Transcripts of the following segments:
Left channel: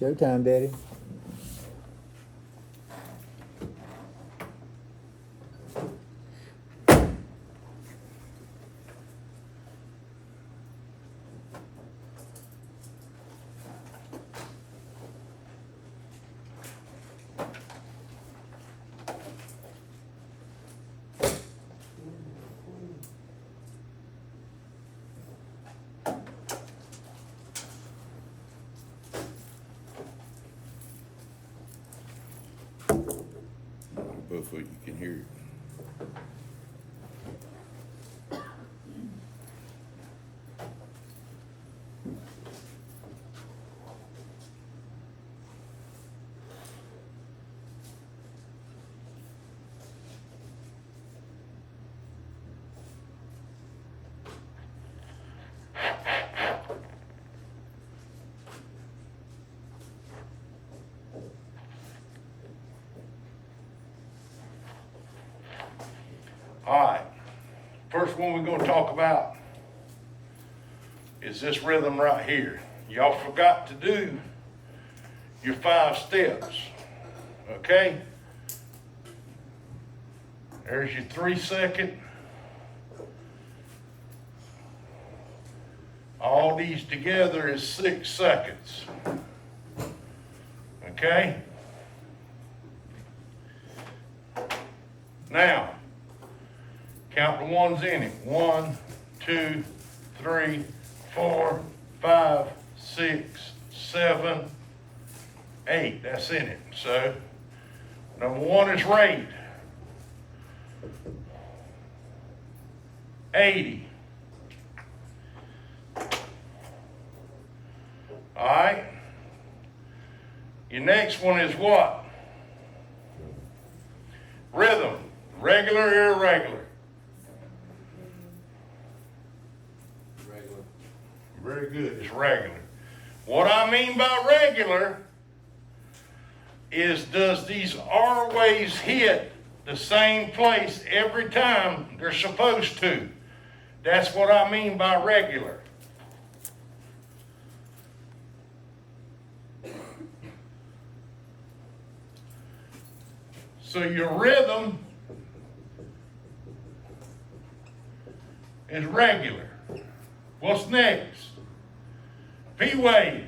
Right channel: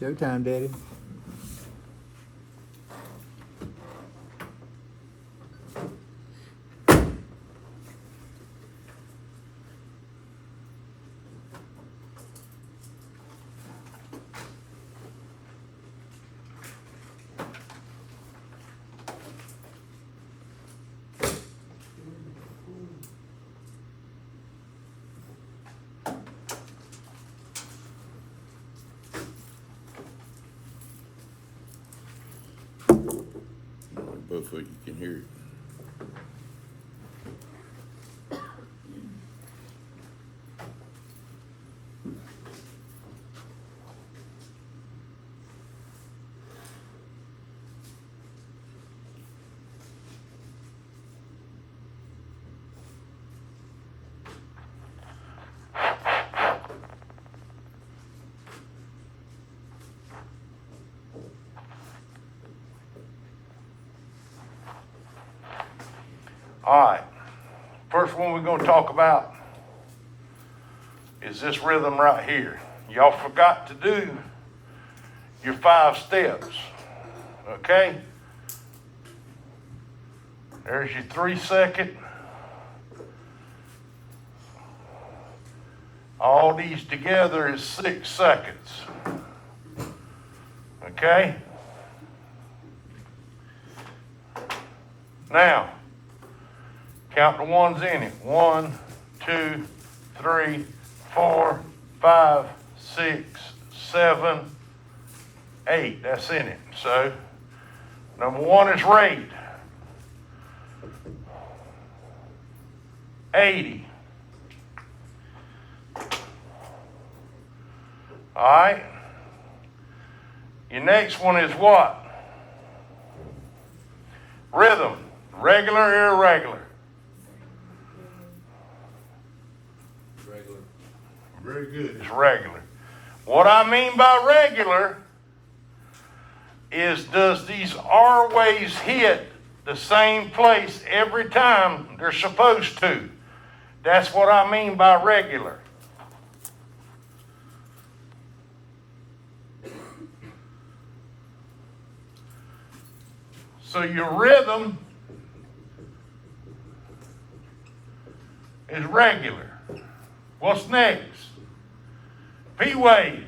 Showtime, Daddy. Both of you can hear it. All right, first one we're gonna talk about is this rhythm right here. Y'all forgot to do your 5 steps, okay? There's your 3-second. All these together is 6 seconds, okay? Now, count the ones in it. 1, 2, 3, 4, 5, 6, 7, 8. That's in it. So, number 1 is rate. 80. All right. Your next one is what? Rhythm. Regular, irregular. Regular. Very good. It's regular. What I mean by regular is, does these R waves hit the same place every time they're supposed to? That's what I mean by regular. So your rhythm is regular. What's next? P wave.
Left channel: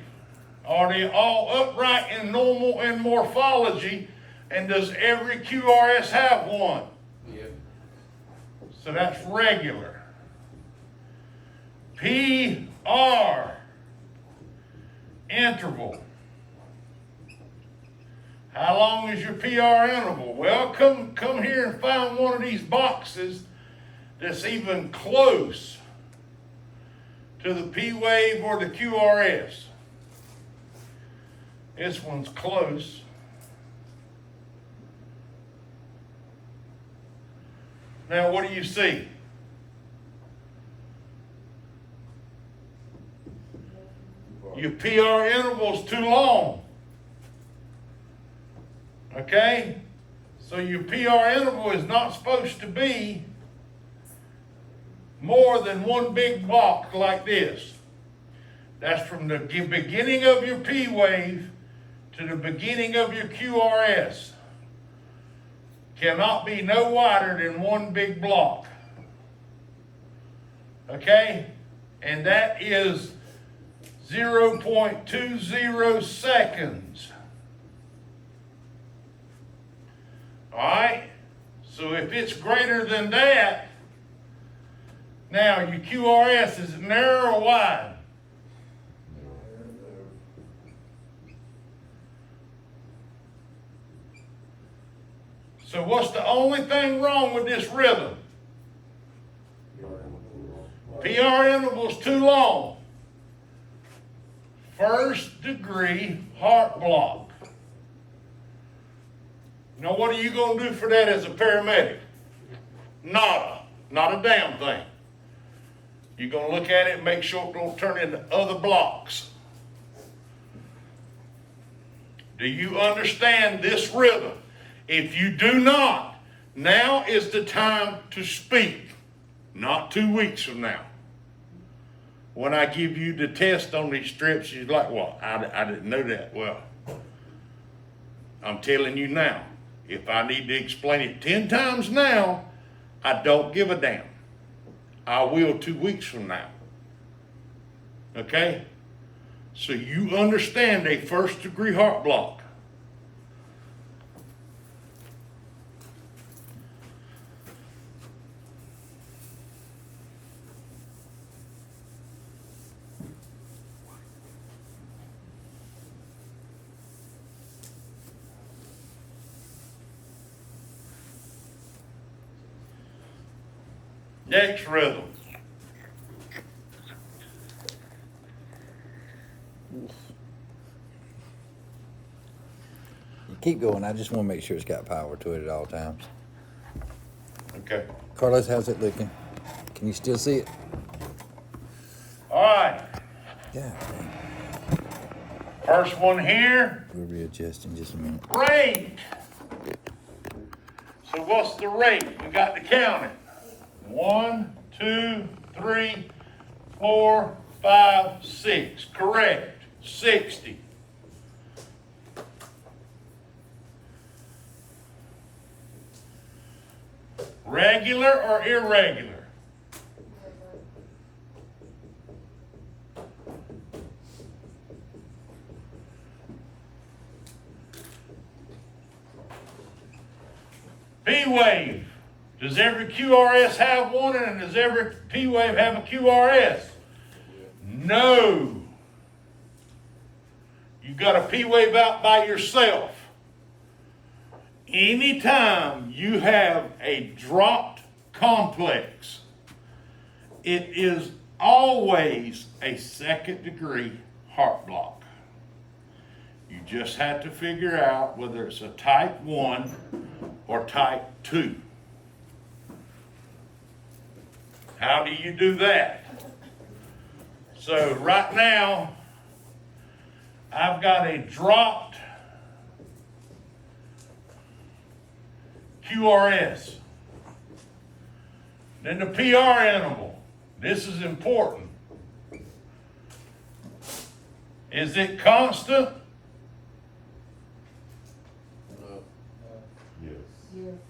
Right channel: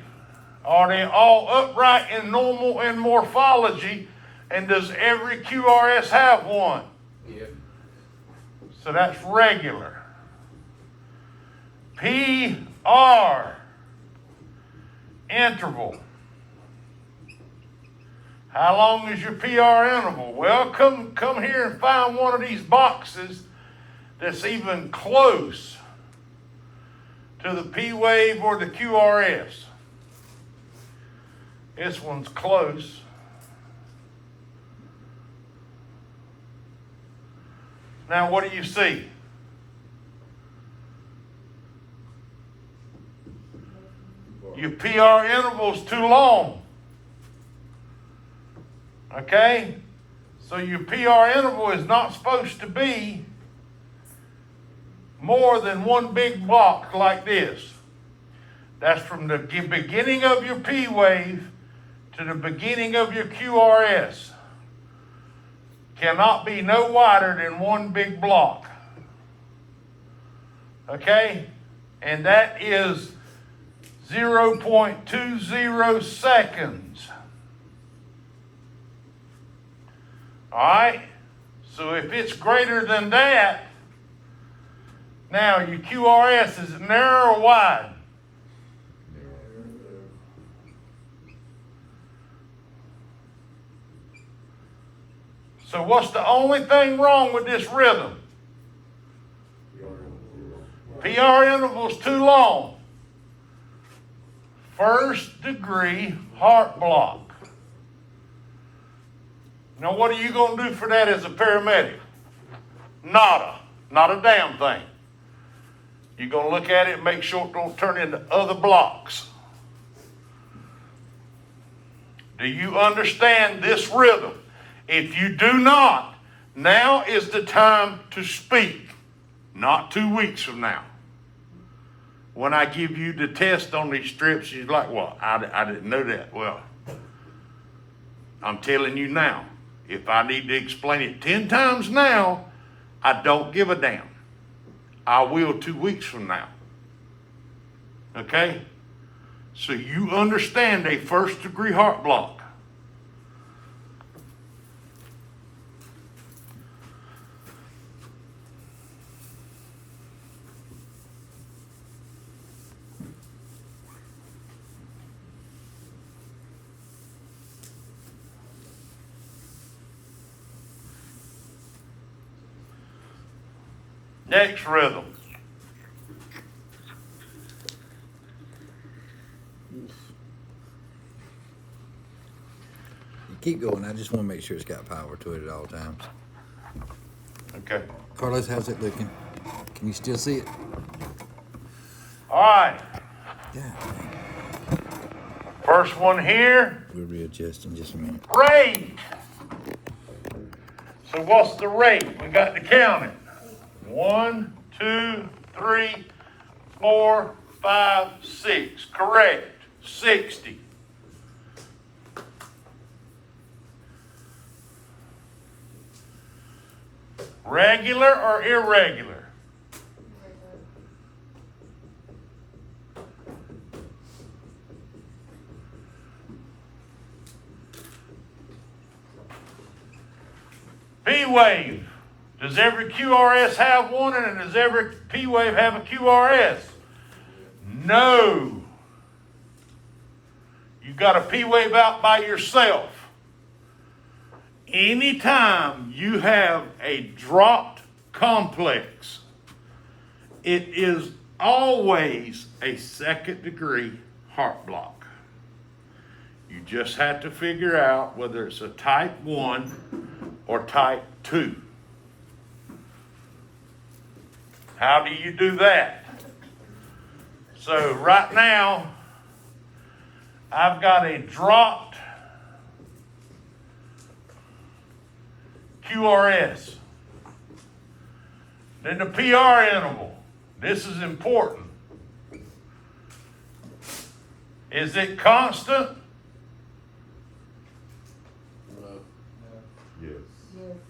Are they all upright and normal in morphology? And does every QRS have one? Yeah. So that's regular. PR. Interval. How long is your PR interval? Well, come here and find one of these boxes that's even close to the P wave or the QRS. This one's close. Now, what do you see? Your PR interval's too long. Okay? So your PR interval is not supposed to be more than one big block like this. That's from the beginning of your P wave to the beginning of your QRS. Cannot be no wider than one big block. Okay? And that is 0.20 seconds. All right? So if it's greater than that, now your QRS is narrow or wide? So what's the only thing wrong with this rhythm? PR interval's too long. First degree heart block. Now what are you going to do for that as a paramedic? Nada. Not a damn thing. You're going to look at it and make sure it don't turn into other blocks. Do you understand this rhythm? If you do not, now is the time to speak, not 2 weeks from now. when I give you the test on these strips, you're like, well, I didn't know that. Well, I'm telling you now, if I need to explain it 10 times now, I don't give a damn. I will 2 weeks from now. Okay? So you understand a first degree heart block. Next rhythm. Keep going. I just want to make sure it's got power to it at all times. Okay. Carlos, how's it looking? Can you still see it? All right. Yeah. First one here. We'll readjust in just a minute. Rate. So what's the rate? We got to count it. 1, 2, 3, 4, 5, 6. Correct. 60. Regular or irregular? P wave. Does every QRS have one, and does every P wave have a QRS? No. You got a P wave out by yourself. Anytime you have a dropped complex, it is always a second degree heart block. You just have to figure out whether it's a type 1 or type 2. How do you do that? So right now, I've got a dropped QRS. Then the PR interval. This is important. Is it constant? No.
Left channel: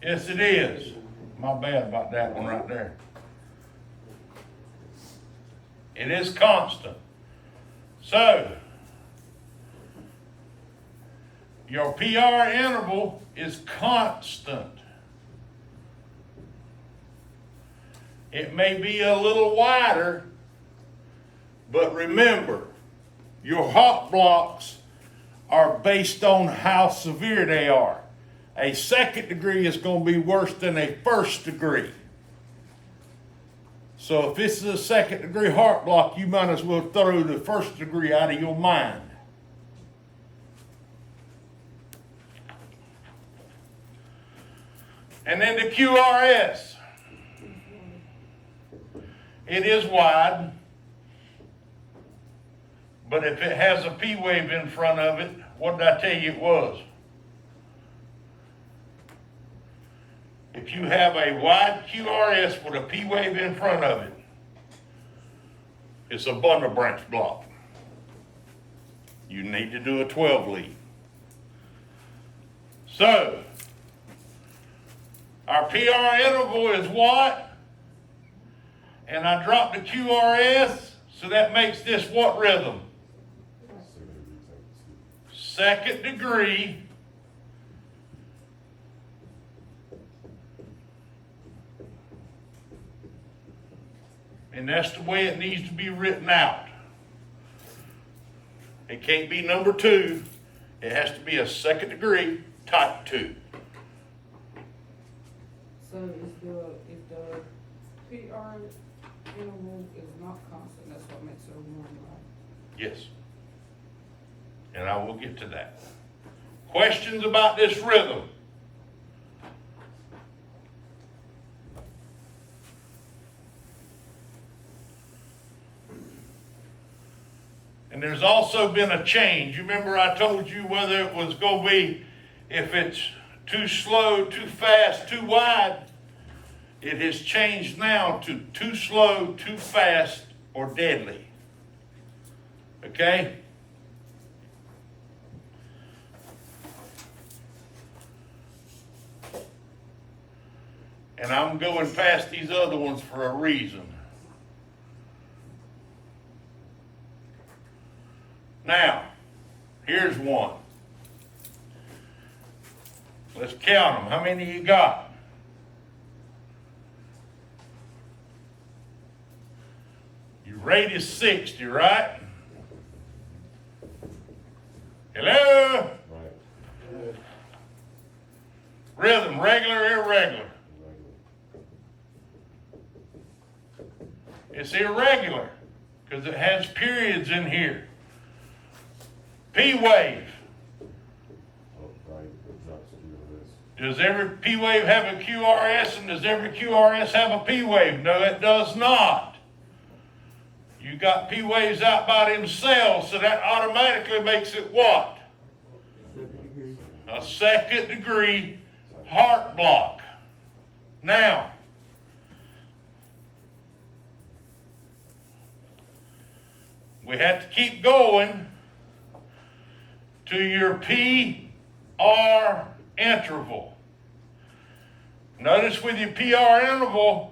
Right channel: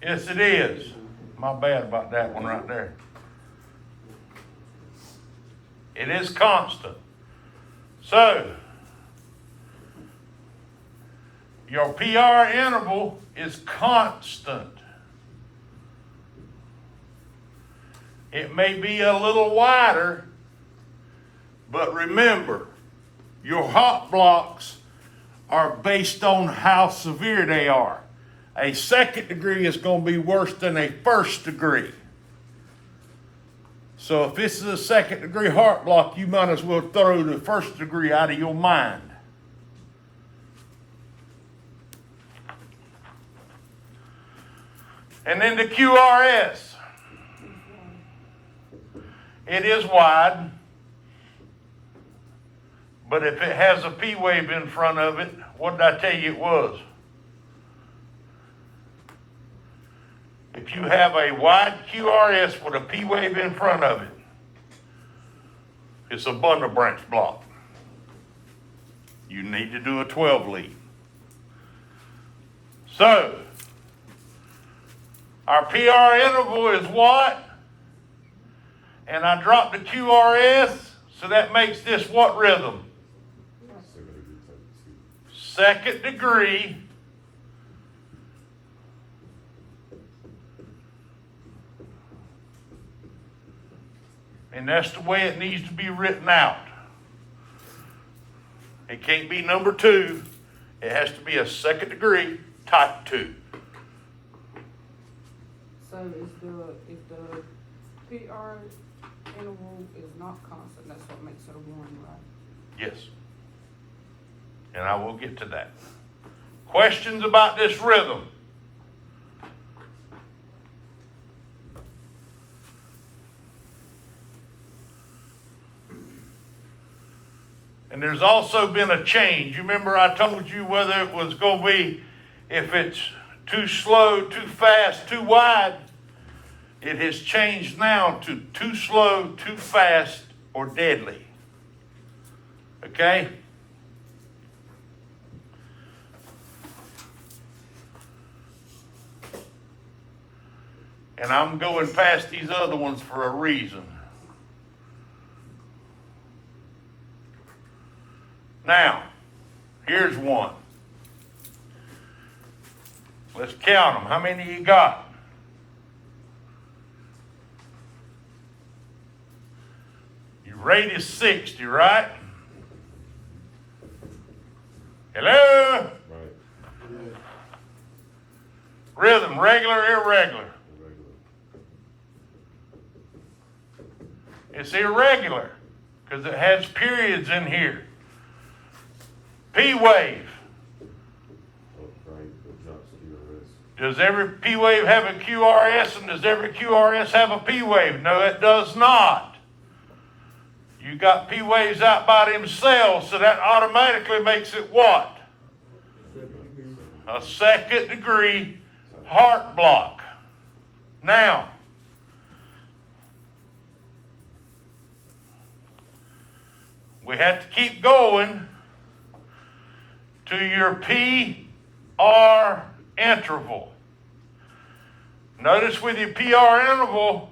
Yes, it is. My bad about that one right there. It is constant. So, your PR interval is constant. It may be a little wider, but remember, your heart blocks are based on how severe they are. A second degree is going to be worse than a first degree. So if this is a second degree heart block, you might as well throw the first degree out of your mind. And then the QRS. It is wide, but if it has a P wave in front of it, what did I tell you it was? If you have a wide QRS with a P wave in front of it, it's a bundle branch block. You need to do a 12 lead. So, our PR interval is what? And I dropped the QRS, so that makes this what rhythm? Second degree. And that's the way it needs to be written out. It can't be number 2. It has to be a second degree type 2. So if the PR interval is not constant, that's what makes it a 1, right? Yes. And I will get to that. Questions about this rhythm? And there's also been a change. You remember I told you whether it was going to be, if it's too slow, too fast, too wide. It has changed now to too slow, too fast, or deadly. Okay? And I'm going past these other ones for a reason. Now, here's one. Let's count them. How many you got? Your rate is 60, right? Hello? Right. Rhythm, regular, irregular. It's irregular because it has periods in here. P wave. Oh, right, it drops QRS. Does every P wave have a QRS and does every QRS have a P wave? No, it does not. You got P waves out by themselves, so that automatically makes it what? A second degree heart block. Now, we have to keep going to your PR interval. Notice with your PR interval,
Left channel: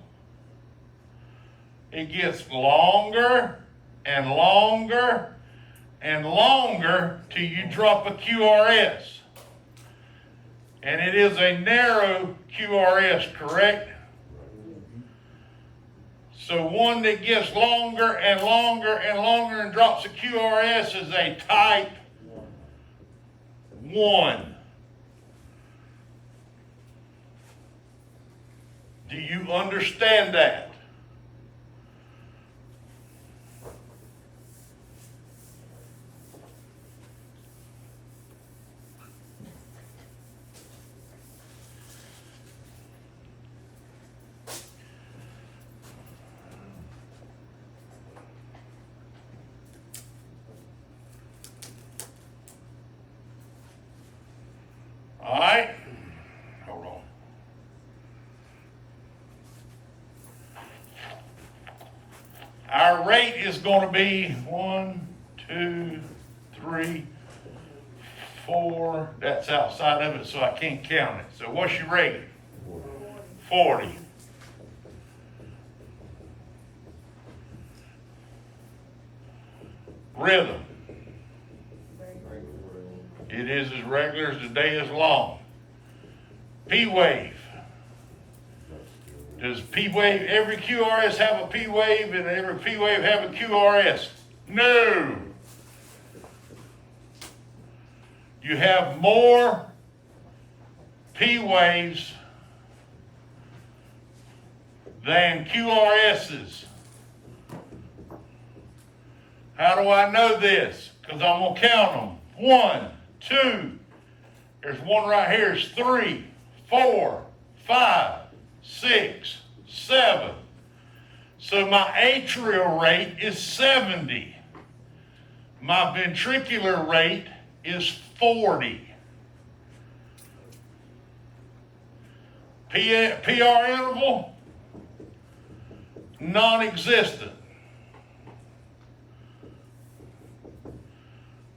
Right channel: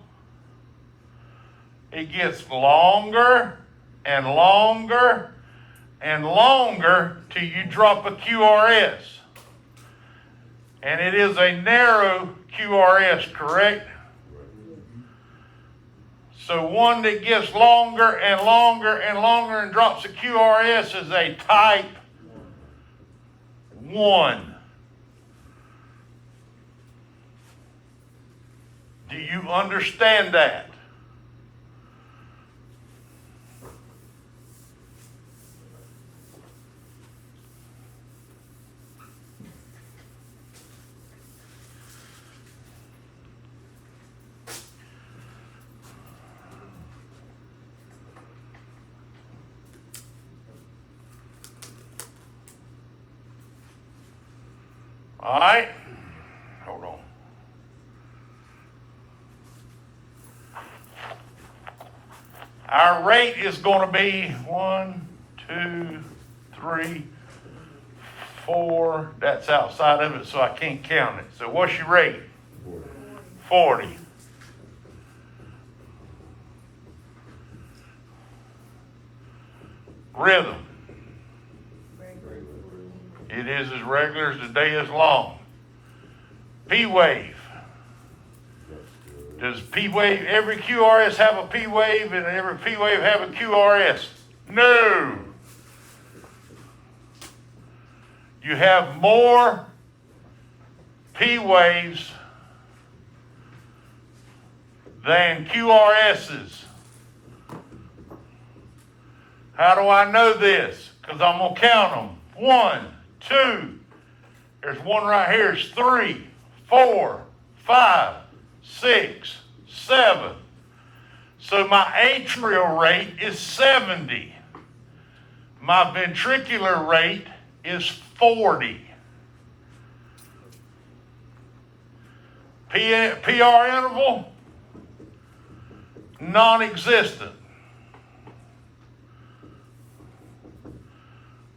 it gets longer and longer and longer till you drop a QRS. And it is a narrow QRS, correct? So one that gets longer and longer and longer and drops a QRS is a type 1. Do you understand that? All right, hold on. Our rate is going to be 1, 2, 3, 4. That's outside of it, so I can't count it. So what's your rate? 40. Rhythm. It is as regular as the day is long. P wave. Does P wave, every QRS have a P wave and every P wave have a QRS? No. You have more P waves than QRSs. How do I know this? Because I'm going to count them. 1, 2, there's one right here, it's 3, 4, 5, 6, 7. So my atrial rate is 70. My ventricular rate is 40. PR interval, non-existent.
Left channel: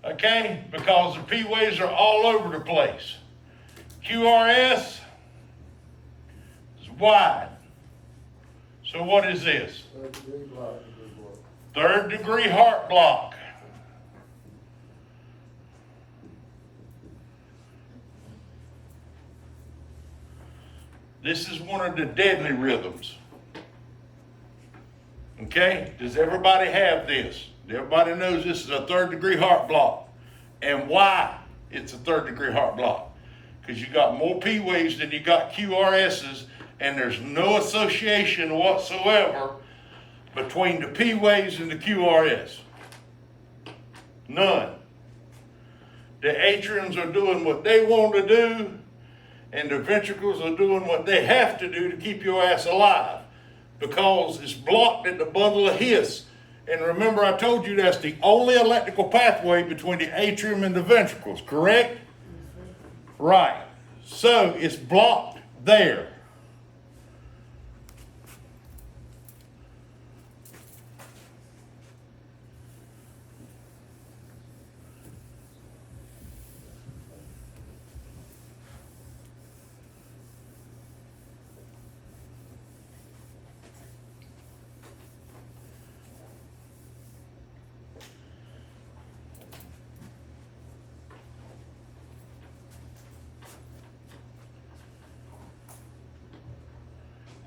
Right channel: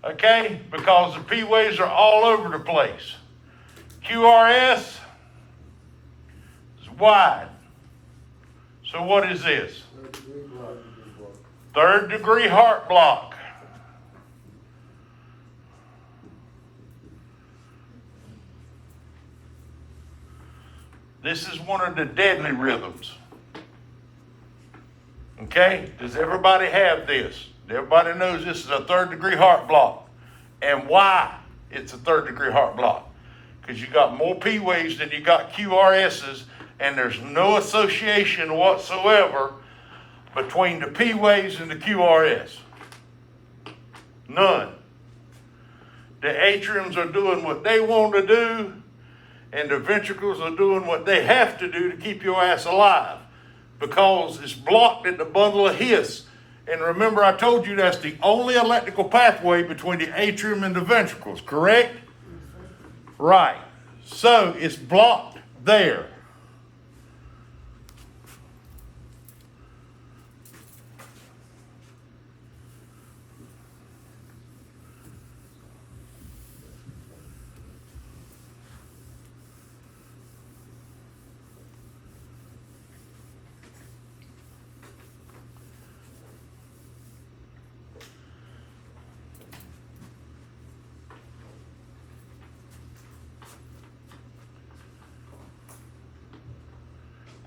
Okay? Because the P waves are all over the place. QRS is wide. So what is this? Third degree heart block. This is one of the deadly rhythms. Okay? Does everybody have this? Everybody knows this is a third degree heart block. And why it's a third degree heart block? Because you got more P waves than you got QRSs, and there's no association whatsoever between the P waves and the QRS. None. The atriums are doing what they want to do, and the ventricles are doing what they have to do to keep your ass alive, because it's blocked at the bundle of His. And remember, I told you that's the only electrical pathway between the atrium and the ventricles, correct? Right. So it's blocked there.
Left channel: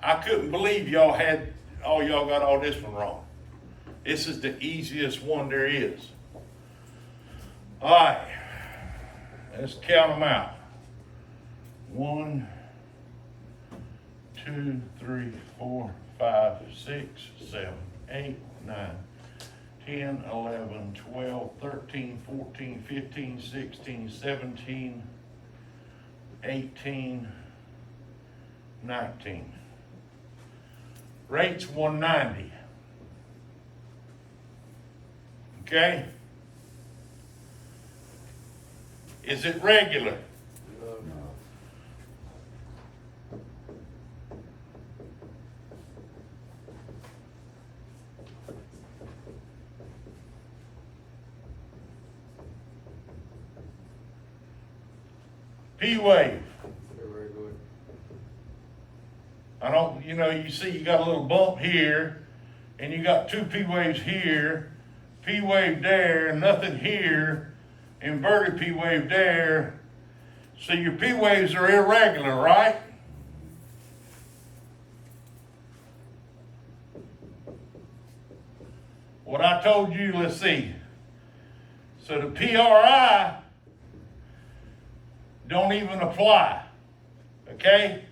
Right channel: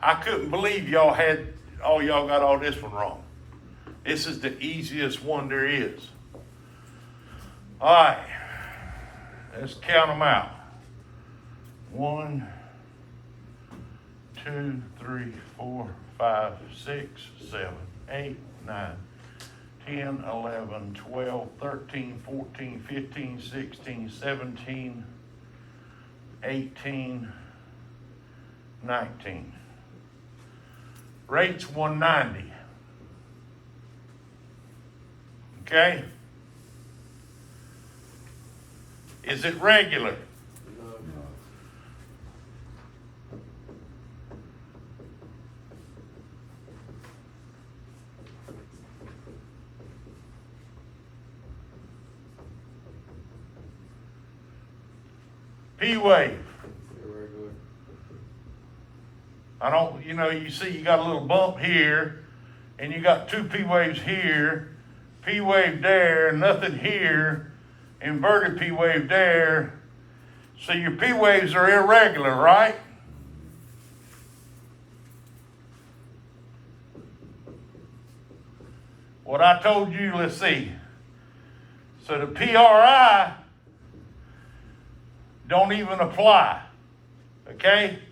I couldn't believe y'all got all this one wrong. This is the easiest one there is. All right, let's count them out. 1, 2, 3, 4, 5, 6, 7, 8, 9, 10, 11, 12, 13, 14, 15, 16, 17, 18, 19. Rate's 190. Okay? Is it regular? P-wave. Irregular. I don't, you see you got a little bump here, and you got 2 P-waves here, P-wave there, nothing here, inverted P-wave there. So your P-waves are irregular, right? What I told you, let's see. So the PRI don't even apply, okay?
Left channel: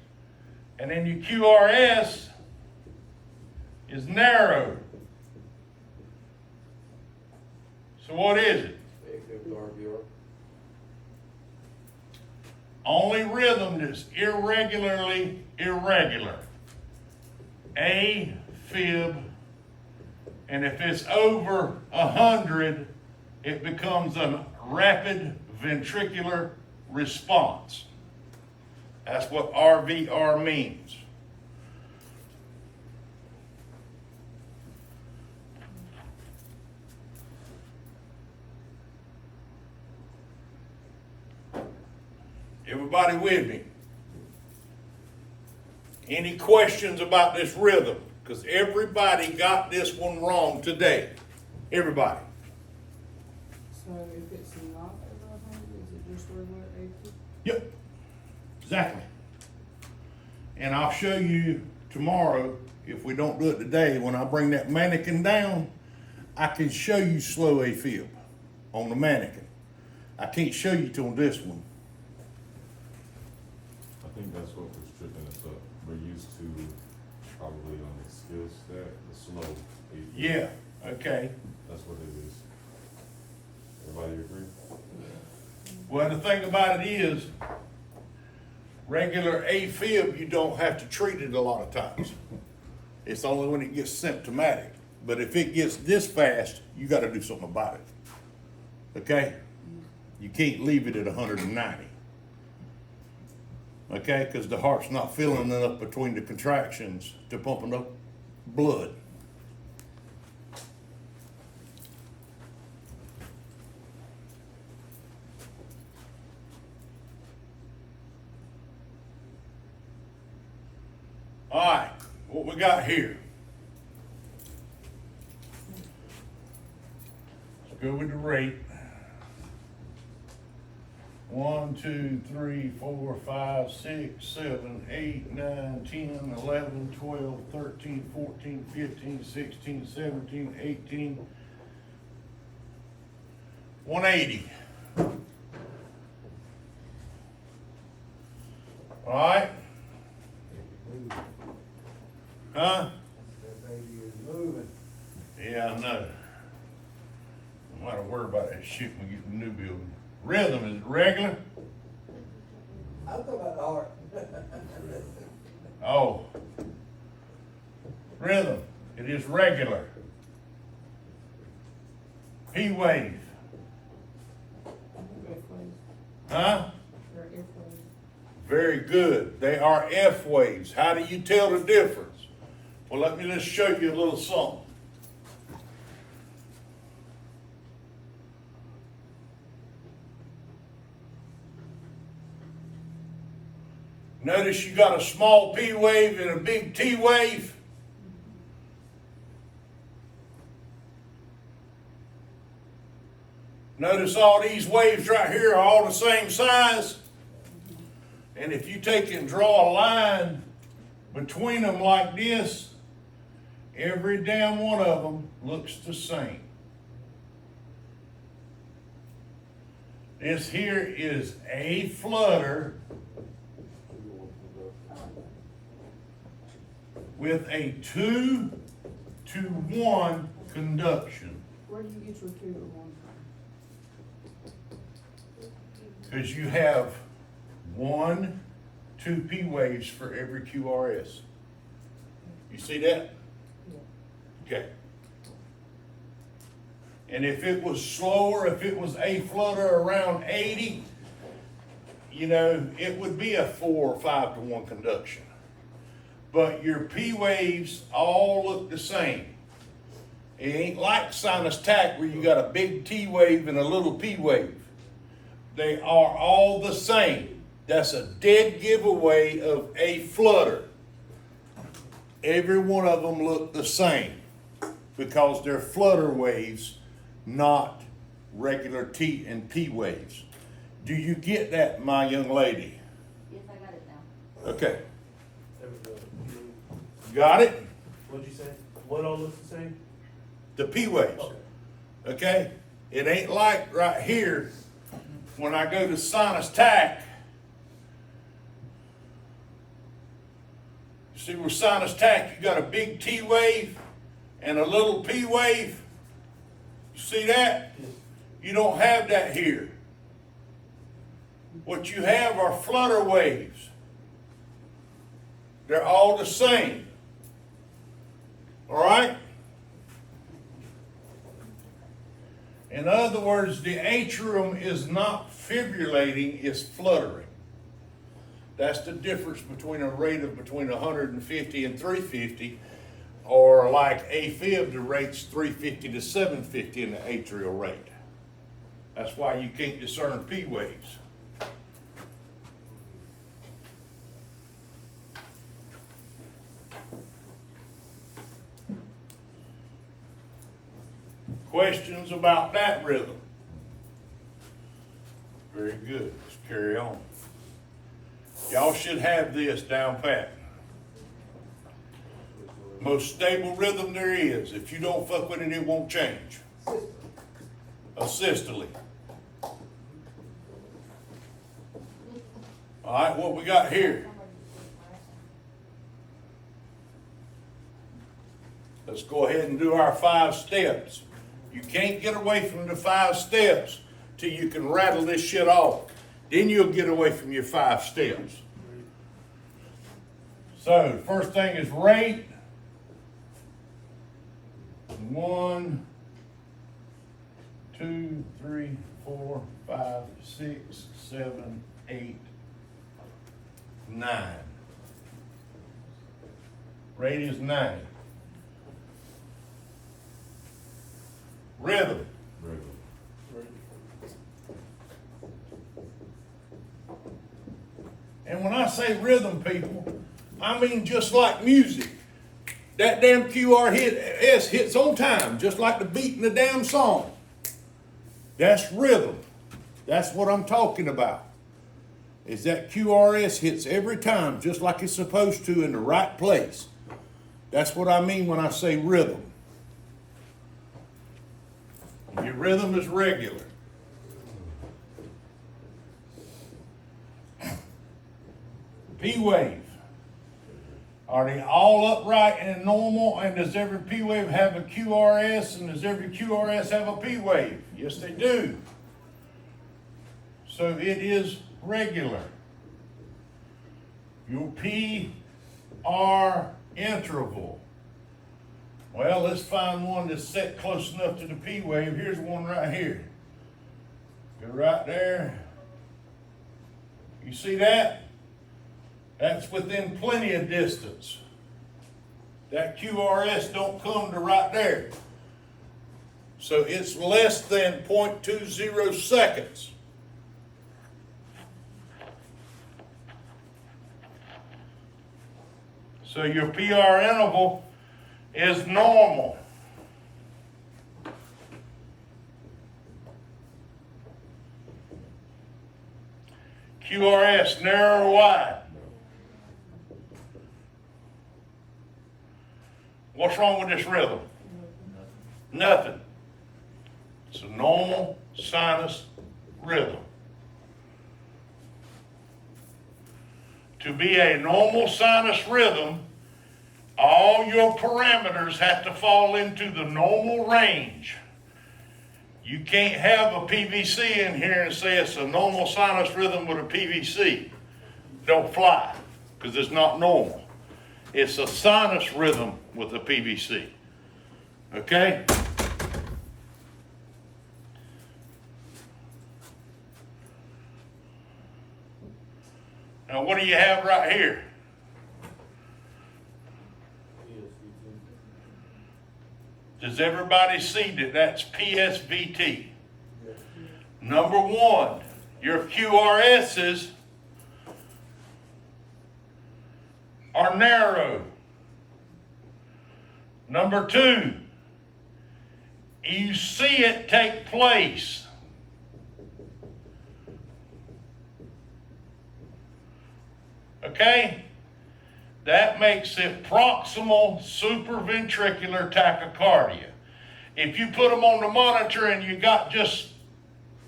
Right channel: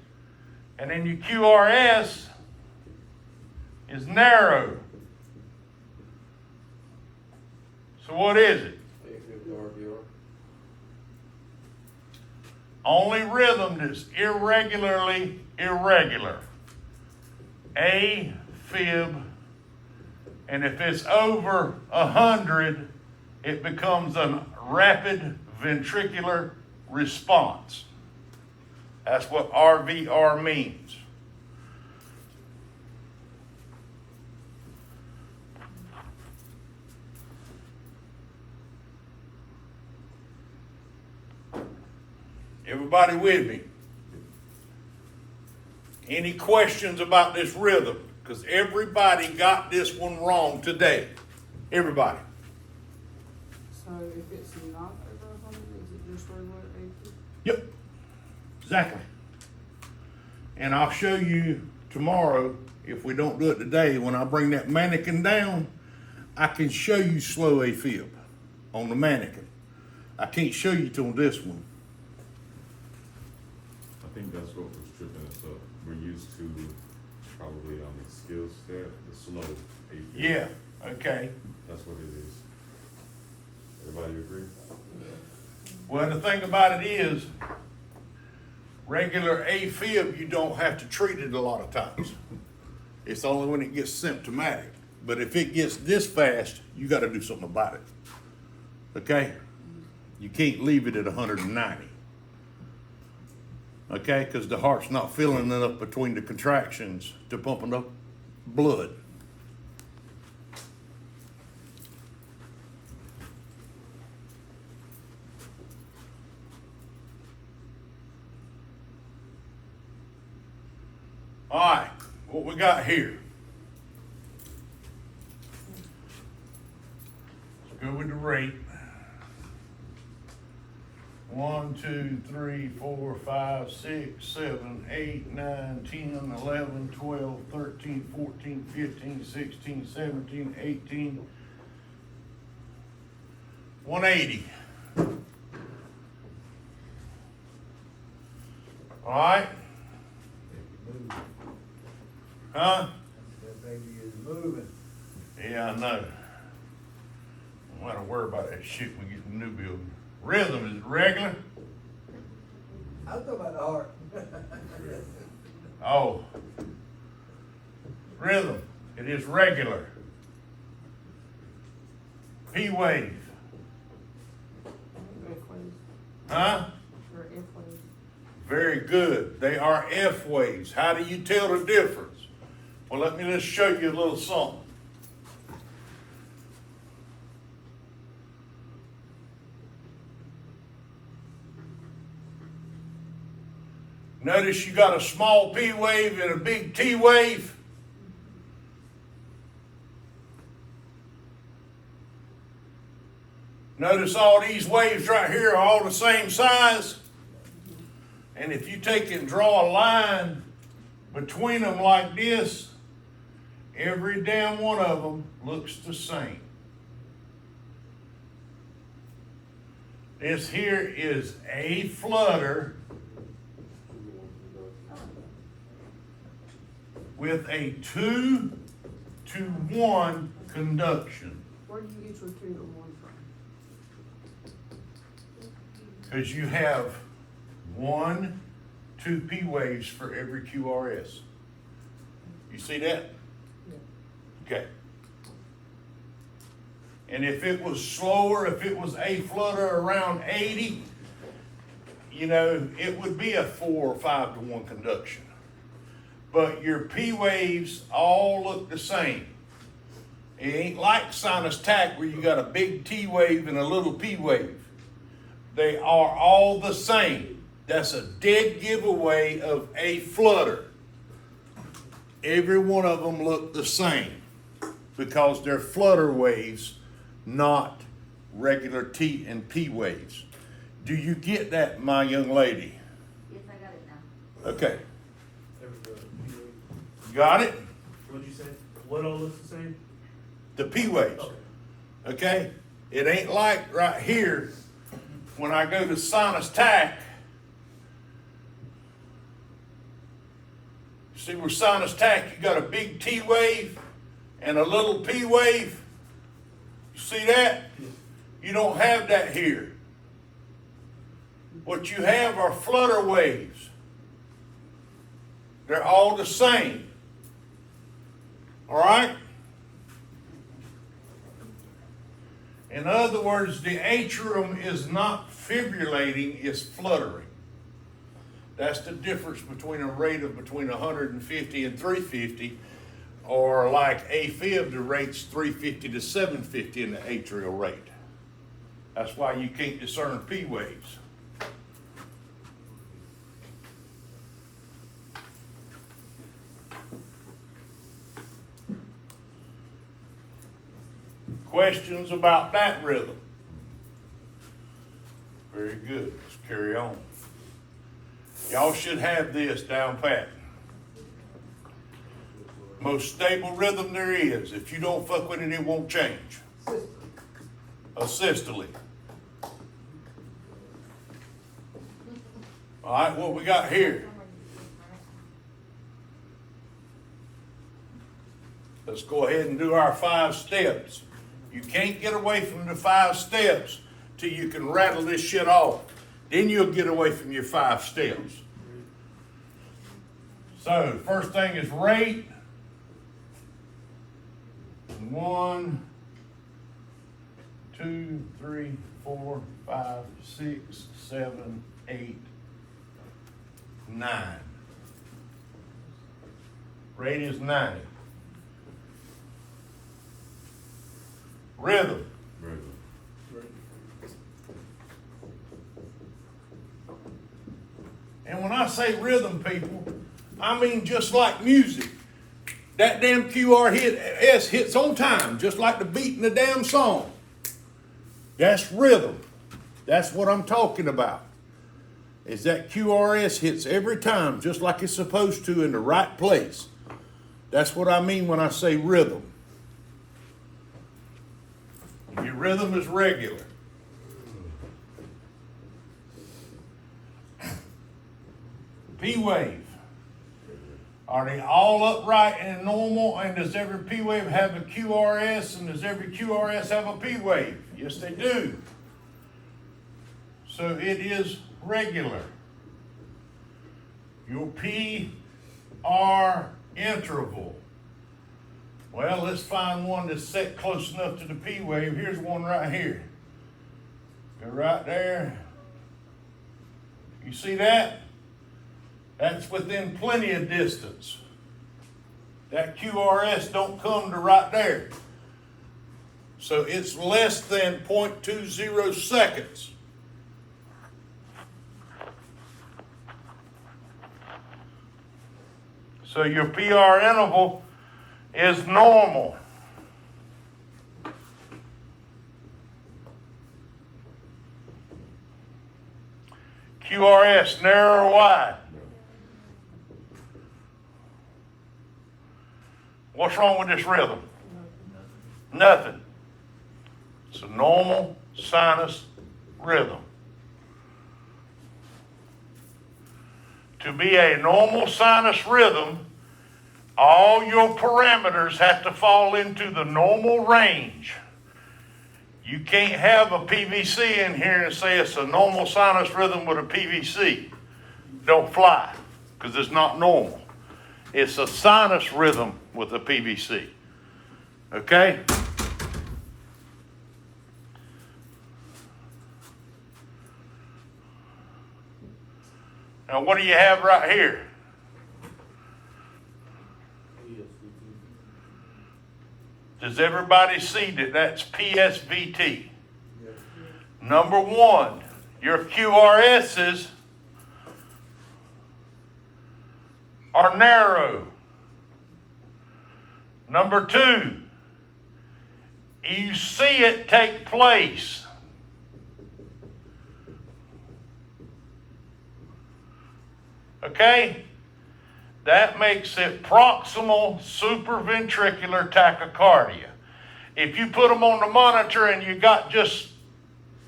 And then your QRS is narrow. So what is it? Only rhythm that's irregularly irregular. A fib, and if it's over 100, it becomes a rapid ventricular response. That's what RVR means. Everybody with me? Any questions about this rhythm? Because everybody got this one wrong today. Everybody. So if it's not over 100, is it just regular AP? Yep, exactly. And I'll show you tomorrow, if we don't do it today, when I bring that mannequin down, I can show you slow AFib on the mannequin. I can't show you till this one. I think that's what was tripping us up. We're used to probably on the skill set, the slow AFib. Yeah, okay. That's what it is. Everybody agree? Well, the thing about it is, regular AFib, you don't have to treat it a lot of times. It's only when it gets symptomatic. But if it gets this fast, you got to do something about it. Okay? You can't leave it at 190. Okay? Because the heart's not filling enough between the contractions to pump enough blood. All right, what we got here? Let's go with the rate. 1, 2, 3, 4, 5, 6, 7, 8, 9, 10, 11, 12, 13, 14, 15, 16, 17, 18, 180. All right? Huh? That baby is moving. Yeah, I know. Don't have to worry about that shit when we get the new building. Rhythm is regular. I'm talking about the heart. Oh. Rhythm, it is regular. P wave. F waves. Huh? Or F waves. Very good. They are F waves. How do you tell the difference? Well, let me just show you a little something. Notice you got a small P wave and a big T wave. Notice all these waves right here are all the same size. And if you take and draw a line between them like this, every damn one of them looks the same. This here is a flutter with a 2-to-1 conduction. Where do you get your 2-to-1 from? Because you have 1 2P waves for every QRS. You see that? Okay. And if it was slower, if it was a flutter around 80, you know, it would be a 4 or 5-to-1 conduction. But your P waves all look the same. It ain't like sinus tach where you got a big T wave and a little P wave. They are all the same. That's a dead giveaway of a flutter. Every one of them look the same because they're flutter waves, not regular T and P waves. Do you get that, my young lady? Yes, I got it now. Okay. Got it? What'd you say? What all looks the same? The P waves. Okay? It ain't like right here when I go to sinus tach. See where sinus tach, you got a big T wave and a little P wave. You see that? You don't have that here. What you have are flutter waves. They're all the same. All right? In other words, the atrium is not fibrillating, it's fluttering. That's the difference between a rate of between 150 and 350, or like AFib, the rate's 350 to 750 in the atrial rate. That's why you can't discern P waves. Questions about that rhythm? Very good. Let's carry on. Y'all should have this down pat. Most stable rhythm there is. If you don't fuck with it, it won't change. A systole. All right, what we got here? Let's go ahead and do our 5 steps. You can't get away from the 5 steps till you can rattle this shit off. Then you'll get away from your 5 steps. So, first thing is rate. 1, 2, 3, 4, 5, 6, 7, 8, 9. Rate is 90. Rhythm. And when I say rhythm, people, I mean just like music. That damn QRS hits on time, just like the beat in the damn song. That's rhythm. That's what I'm talking about. Is that QRS hits every time, just like it's supposed to, in the right place. That's what I mean when I say rhythm. Your rhythm is regular. P wave. Are they all upright and normal? And does every P wave have a QRS? And does every QRS have a P wave? Yes, they do. So it is regular. Your P R interval. Well, let's find one that's set close enough to the P wave. Here's one right here. Go right there. You see that? That's within plenty of distance. That QRS don't come to right there. So it's less than 0.20 seconds. So your PR interval is normal. QRS, narrow or wide? What's wrong with this rhythm? Nothing. It's a normal sinus rhythm. To be a normal sinus rhythm, all your parameters have to fall into the normal range. You can't have a PVC in here and say it's a normal sinus rhythm with a PVC. Don't fly, because it's not normal. It's a sinus rhythm with a PVC. Okay? Now what do you have right here? Does everybody see that that's PSVT? Number one, your QRSs are narrow. Number two, you see it take place. Okay? That makes it proximal supraventricular tachycardia. If you put them on the monitor and you got just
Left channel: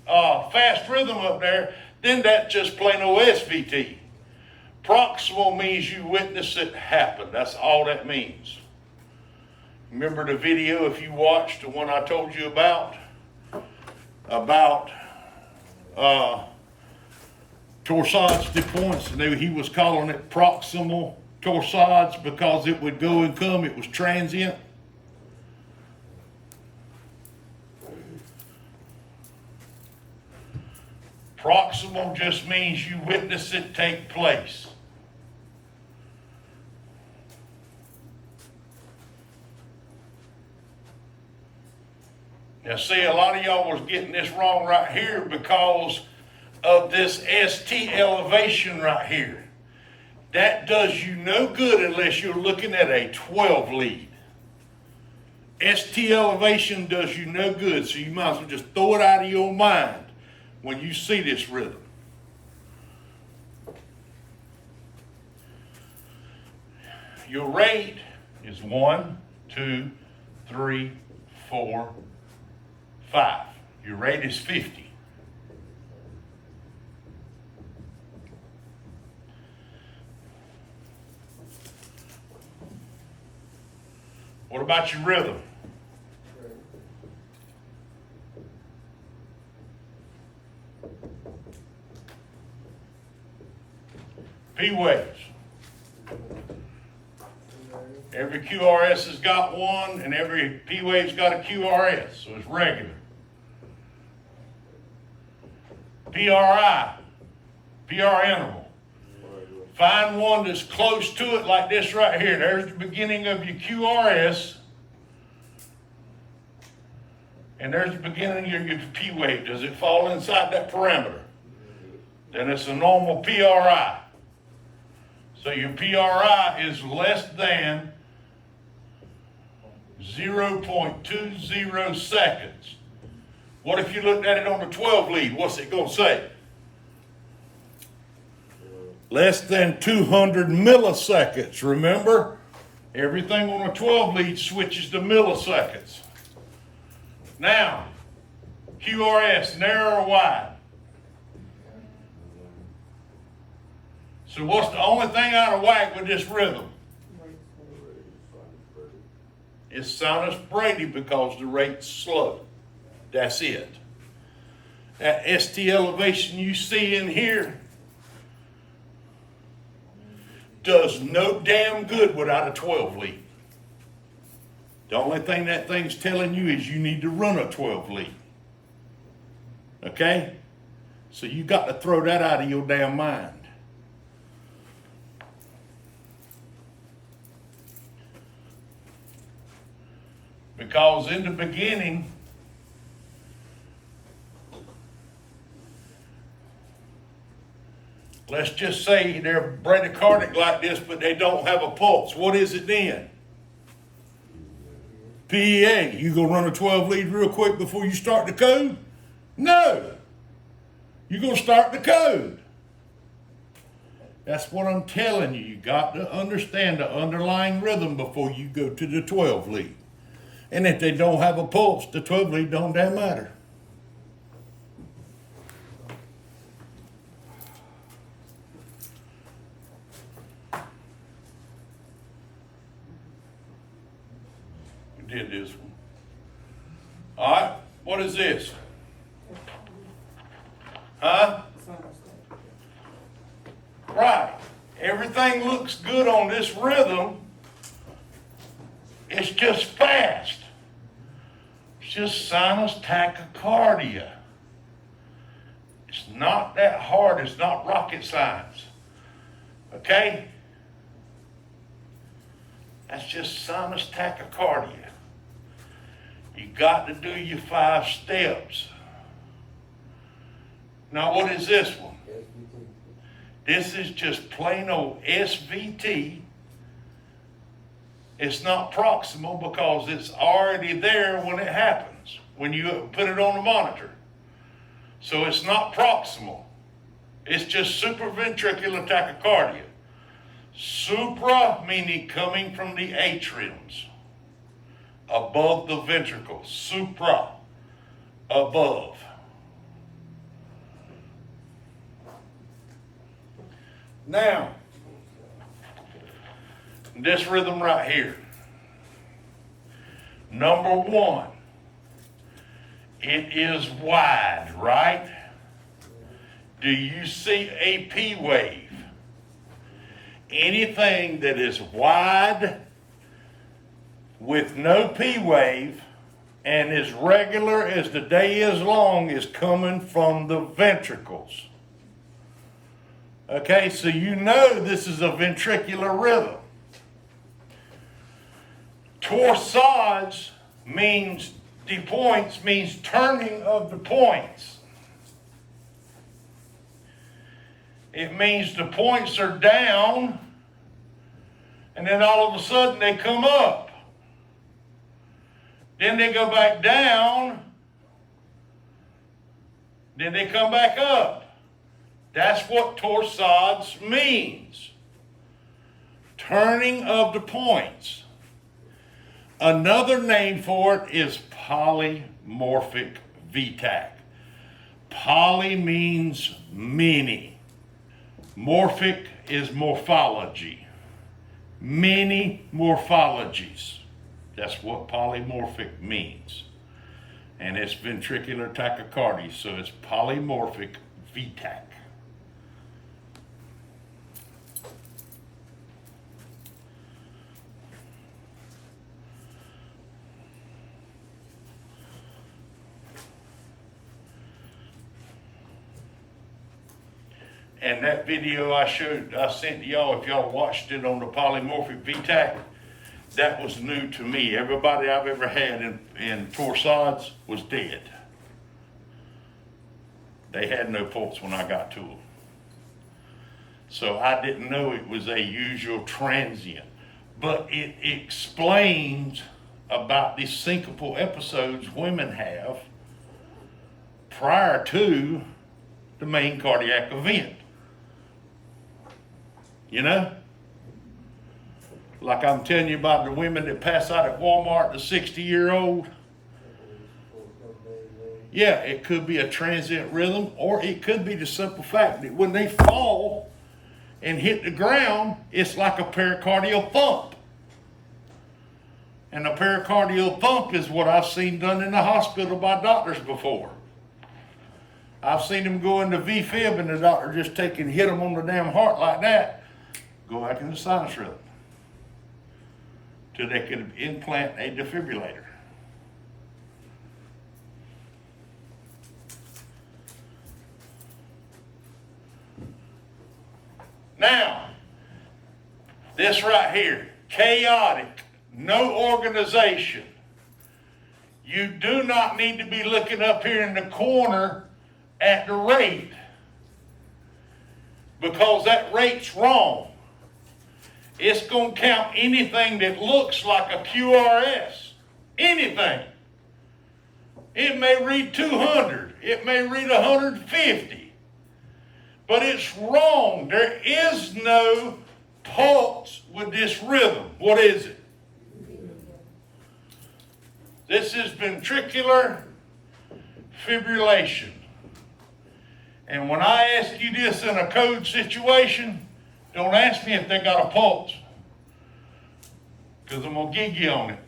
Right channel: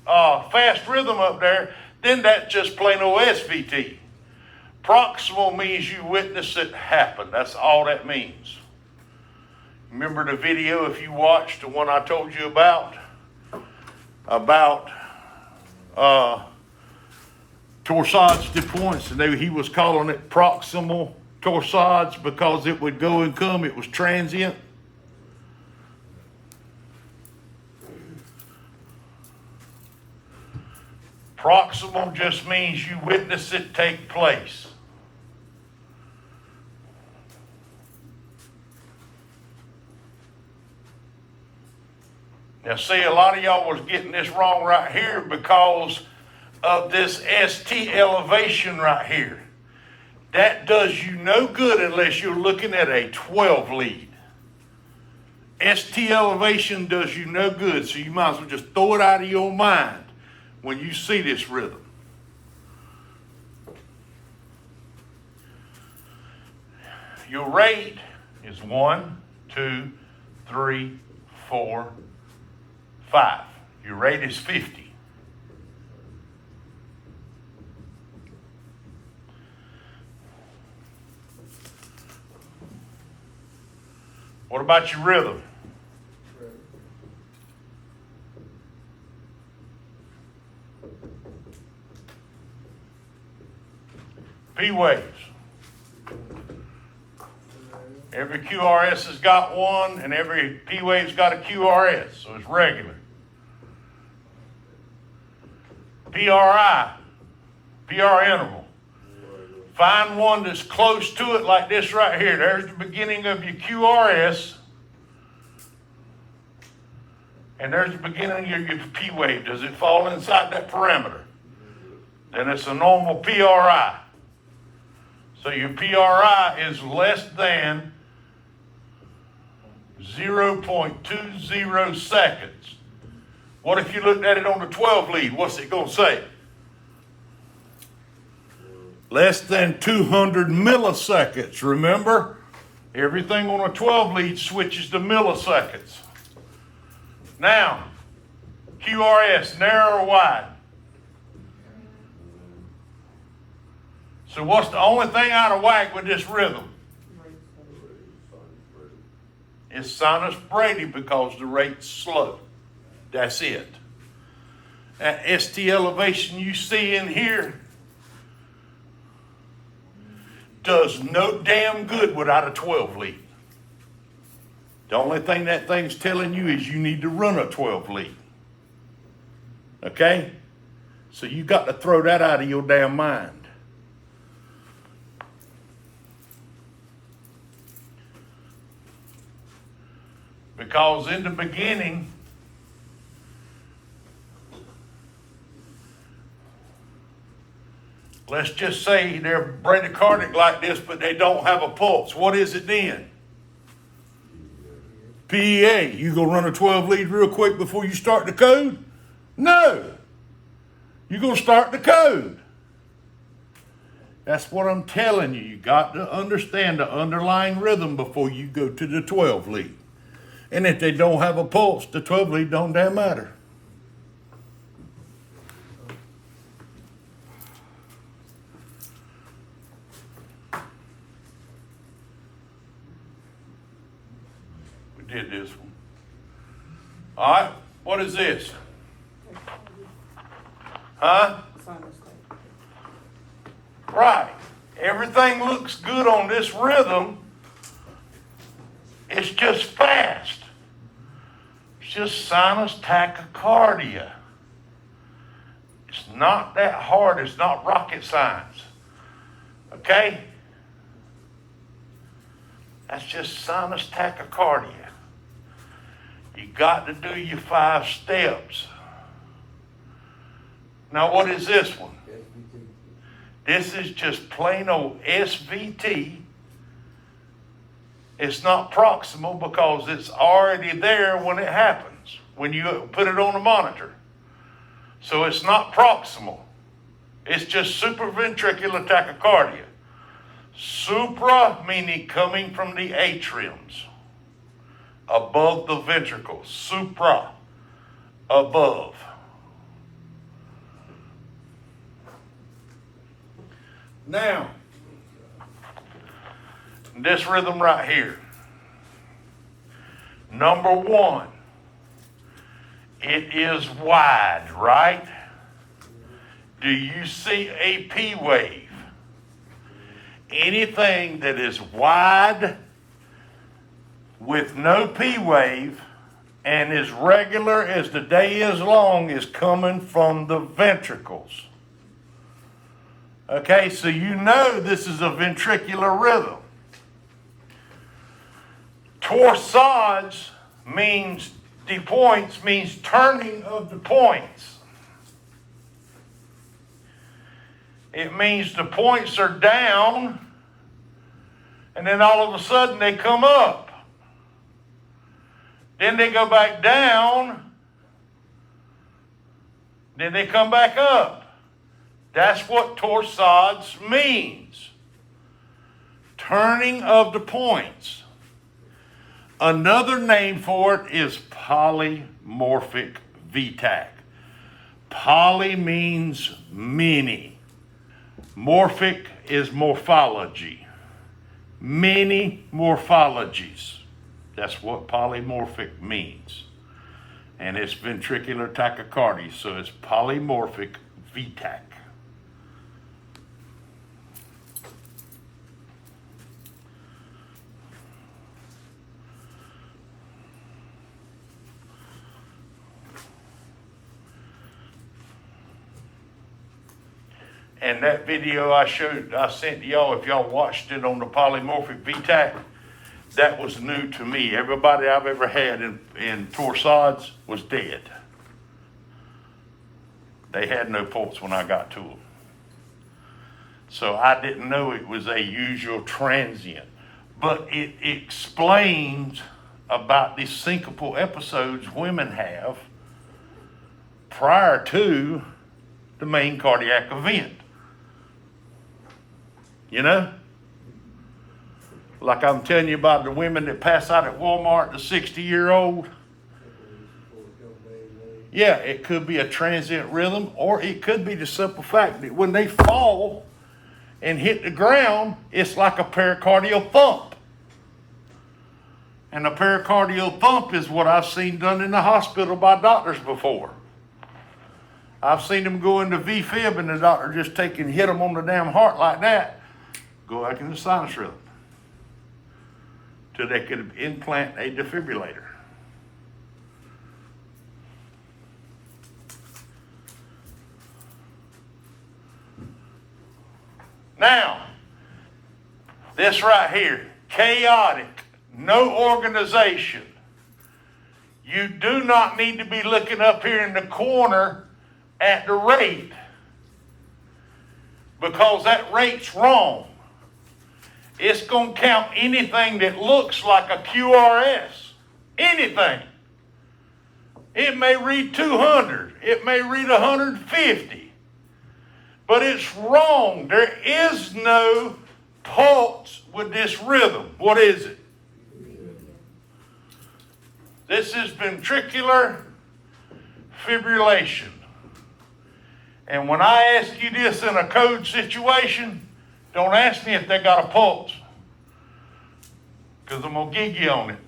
fast rhythm up there, then that's just plain old SVT. Proximal means you witness it happen. That's all that means. Remember the video, if you watched, the one I told you about torsades de pointes, and he was calling it proximal torsades because it would go and come, it was transient. Proximal just means you witness it take place. Now see, a lot of y'all was getting this wrong right here because of this ST elevation right here. That does you no good unless you're looking at a 12 lead. ST elevation does you no good, so you might as well just throw it out of your mind when you see this rhythm. Your rate is 1, 2, 3, 4, 5. Your rate is 50. What about your rhythm? P waves. Every QRS has got one, and every P wave's got a QRS, so it's regular. PRI, PR interval. Find one that's close to it like this right here. There's the beginning of your QRS. And there's the beginning of your P wave. Does it fall inside that parameter? Then it's a normal PRI. So your PRI is less than 0.20 seconds. What if you looked at it on the 12 lead? What's it going to say? Less than 200 milliseconds. Remember, everything on a 12 lead switches to milliseconds. Now, QRS, narrow or wide? So what's the only thing out of whack with this rhythm? It's sinus Brady because the rate's slow. That's it. That ST elevation you see in here does no damn good without a 12 lead. The only thing that thing's telling you is you need to run a 12 lead. Okay? So you got to throw that out of your damn mind. Because in the beginning, let's just say they're bradycardic like this, but they don't have a pulse. What is it then? PEA. You gonna run a 12 lead real quick before you start the code? No. You're gonna start the code. That's what I'm telling you. You got to understand the underlying rhythm before you go to the 12 lead. And if they don't have a pulse, the 12 lead don't damn matter. We did this one. All right, what is this? Huh? Sinus tape. Right. Everything looks good on this rhythm. It's just fast. It's just sinus tachycardia. It's not that hard. It's not rocket science. Okay? That's just sinus tachycardia. You got to do your 5 steps. Now, what is this one? SVT. This is just plain old SVT. It's not proximal because it's already there when it happens, when you put it on the monitor. So it's not proximal. It's just supraventricular tachycardia. Supra meaning coming from the atriums, above the ventricle. Supra, above. Now, this rhythm right here. Number 1, it is wide, right? Do you see a P wave? Anything that is wide with no P wave and as regular as the day is long is coming from the ventricles. Okay, so you know this is a ventricular rhythm. Torsades means, the points means turning of the points. It means the points are down and then all of a sudden they come up. Then they go back down, then they come back up. That's what torsades means. Turning of the points. Another name for it is polymorphic VTAC. Poly means many. Morphic is morphology. Many morphologies. That's what polymorphic means. And it's ventricular tachycardia, so it's polymorphic VTAC. And that video I sent to y'all, if y'all watched it on the polymorphic VTAC, that was new to me. Everybody I've ever had in torsades was dead. They had no pulse when I got to them. So I didn't know it was a usual transient. But it explains about these syncopal episodes women have prior to the main cardiac event. You know? Like I'm telling you about the women that pass out at Walmart, the 60-year-old. Yeah, it could be a transient rhythm, or it could be the simple fact that when they fall and hit the ground, it's like a pericardial thump. And a pericardial thump is what I've seen done in the hospital by doctors before. I've seen them go into V-fib and the doctor just take and hit them on the damn heart like that, go back into sinus rhythm, till they could implant a defibrillator. Now, this right here, chaotic, no organization. You do not need to be looking up here in the corner at the rate, because that rate's wrong. It's going to count anything that looks like a QRS. Anything. It may read 200. It may read 150. But it's wrong. There is no pulse with this rhythm. What is it? This is ventricular fibrillation. And when I ask you this in a code situation, don't ask me if they got a pulse, because I'm going to gig you on it.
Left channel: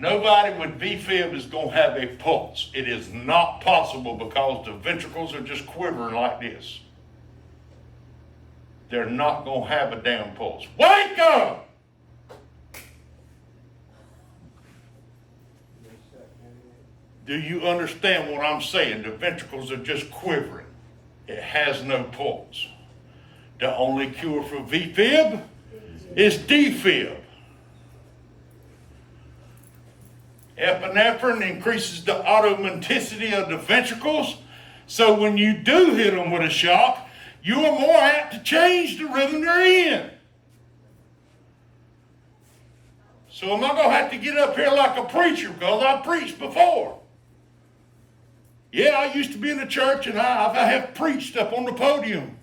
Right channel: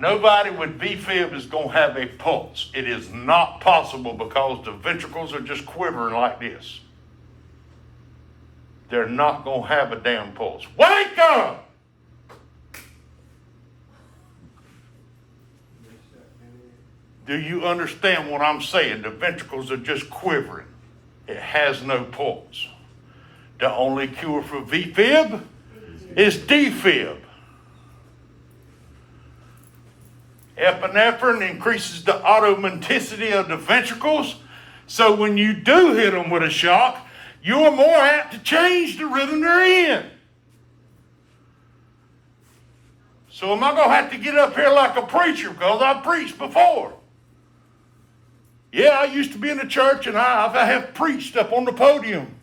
Nobody with VFib is going to have a pulse. It is not possible because the ventricles are just quivering like this. They're not going to have a damn pulse. Wake up! Do you understand what I'm saying? The ventricles are just quivering. It has no pulse. The only cure for VFib is defib. Epinephrine increases the automaticity of the ventricles, so when you do hit them with a shock, you are more apt to change the rhythm they're in. So am I going to have to get up here like a preacher because I preached before? Yeah, I used to be in the church and I have preached up on the podium.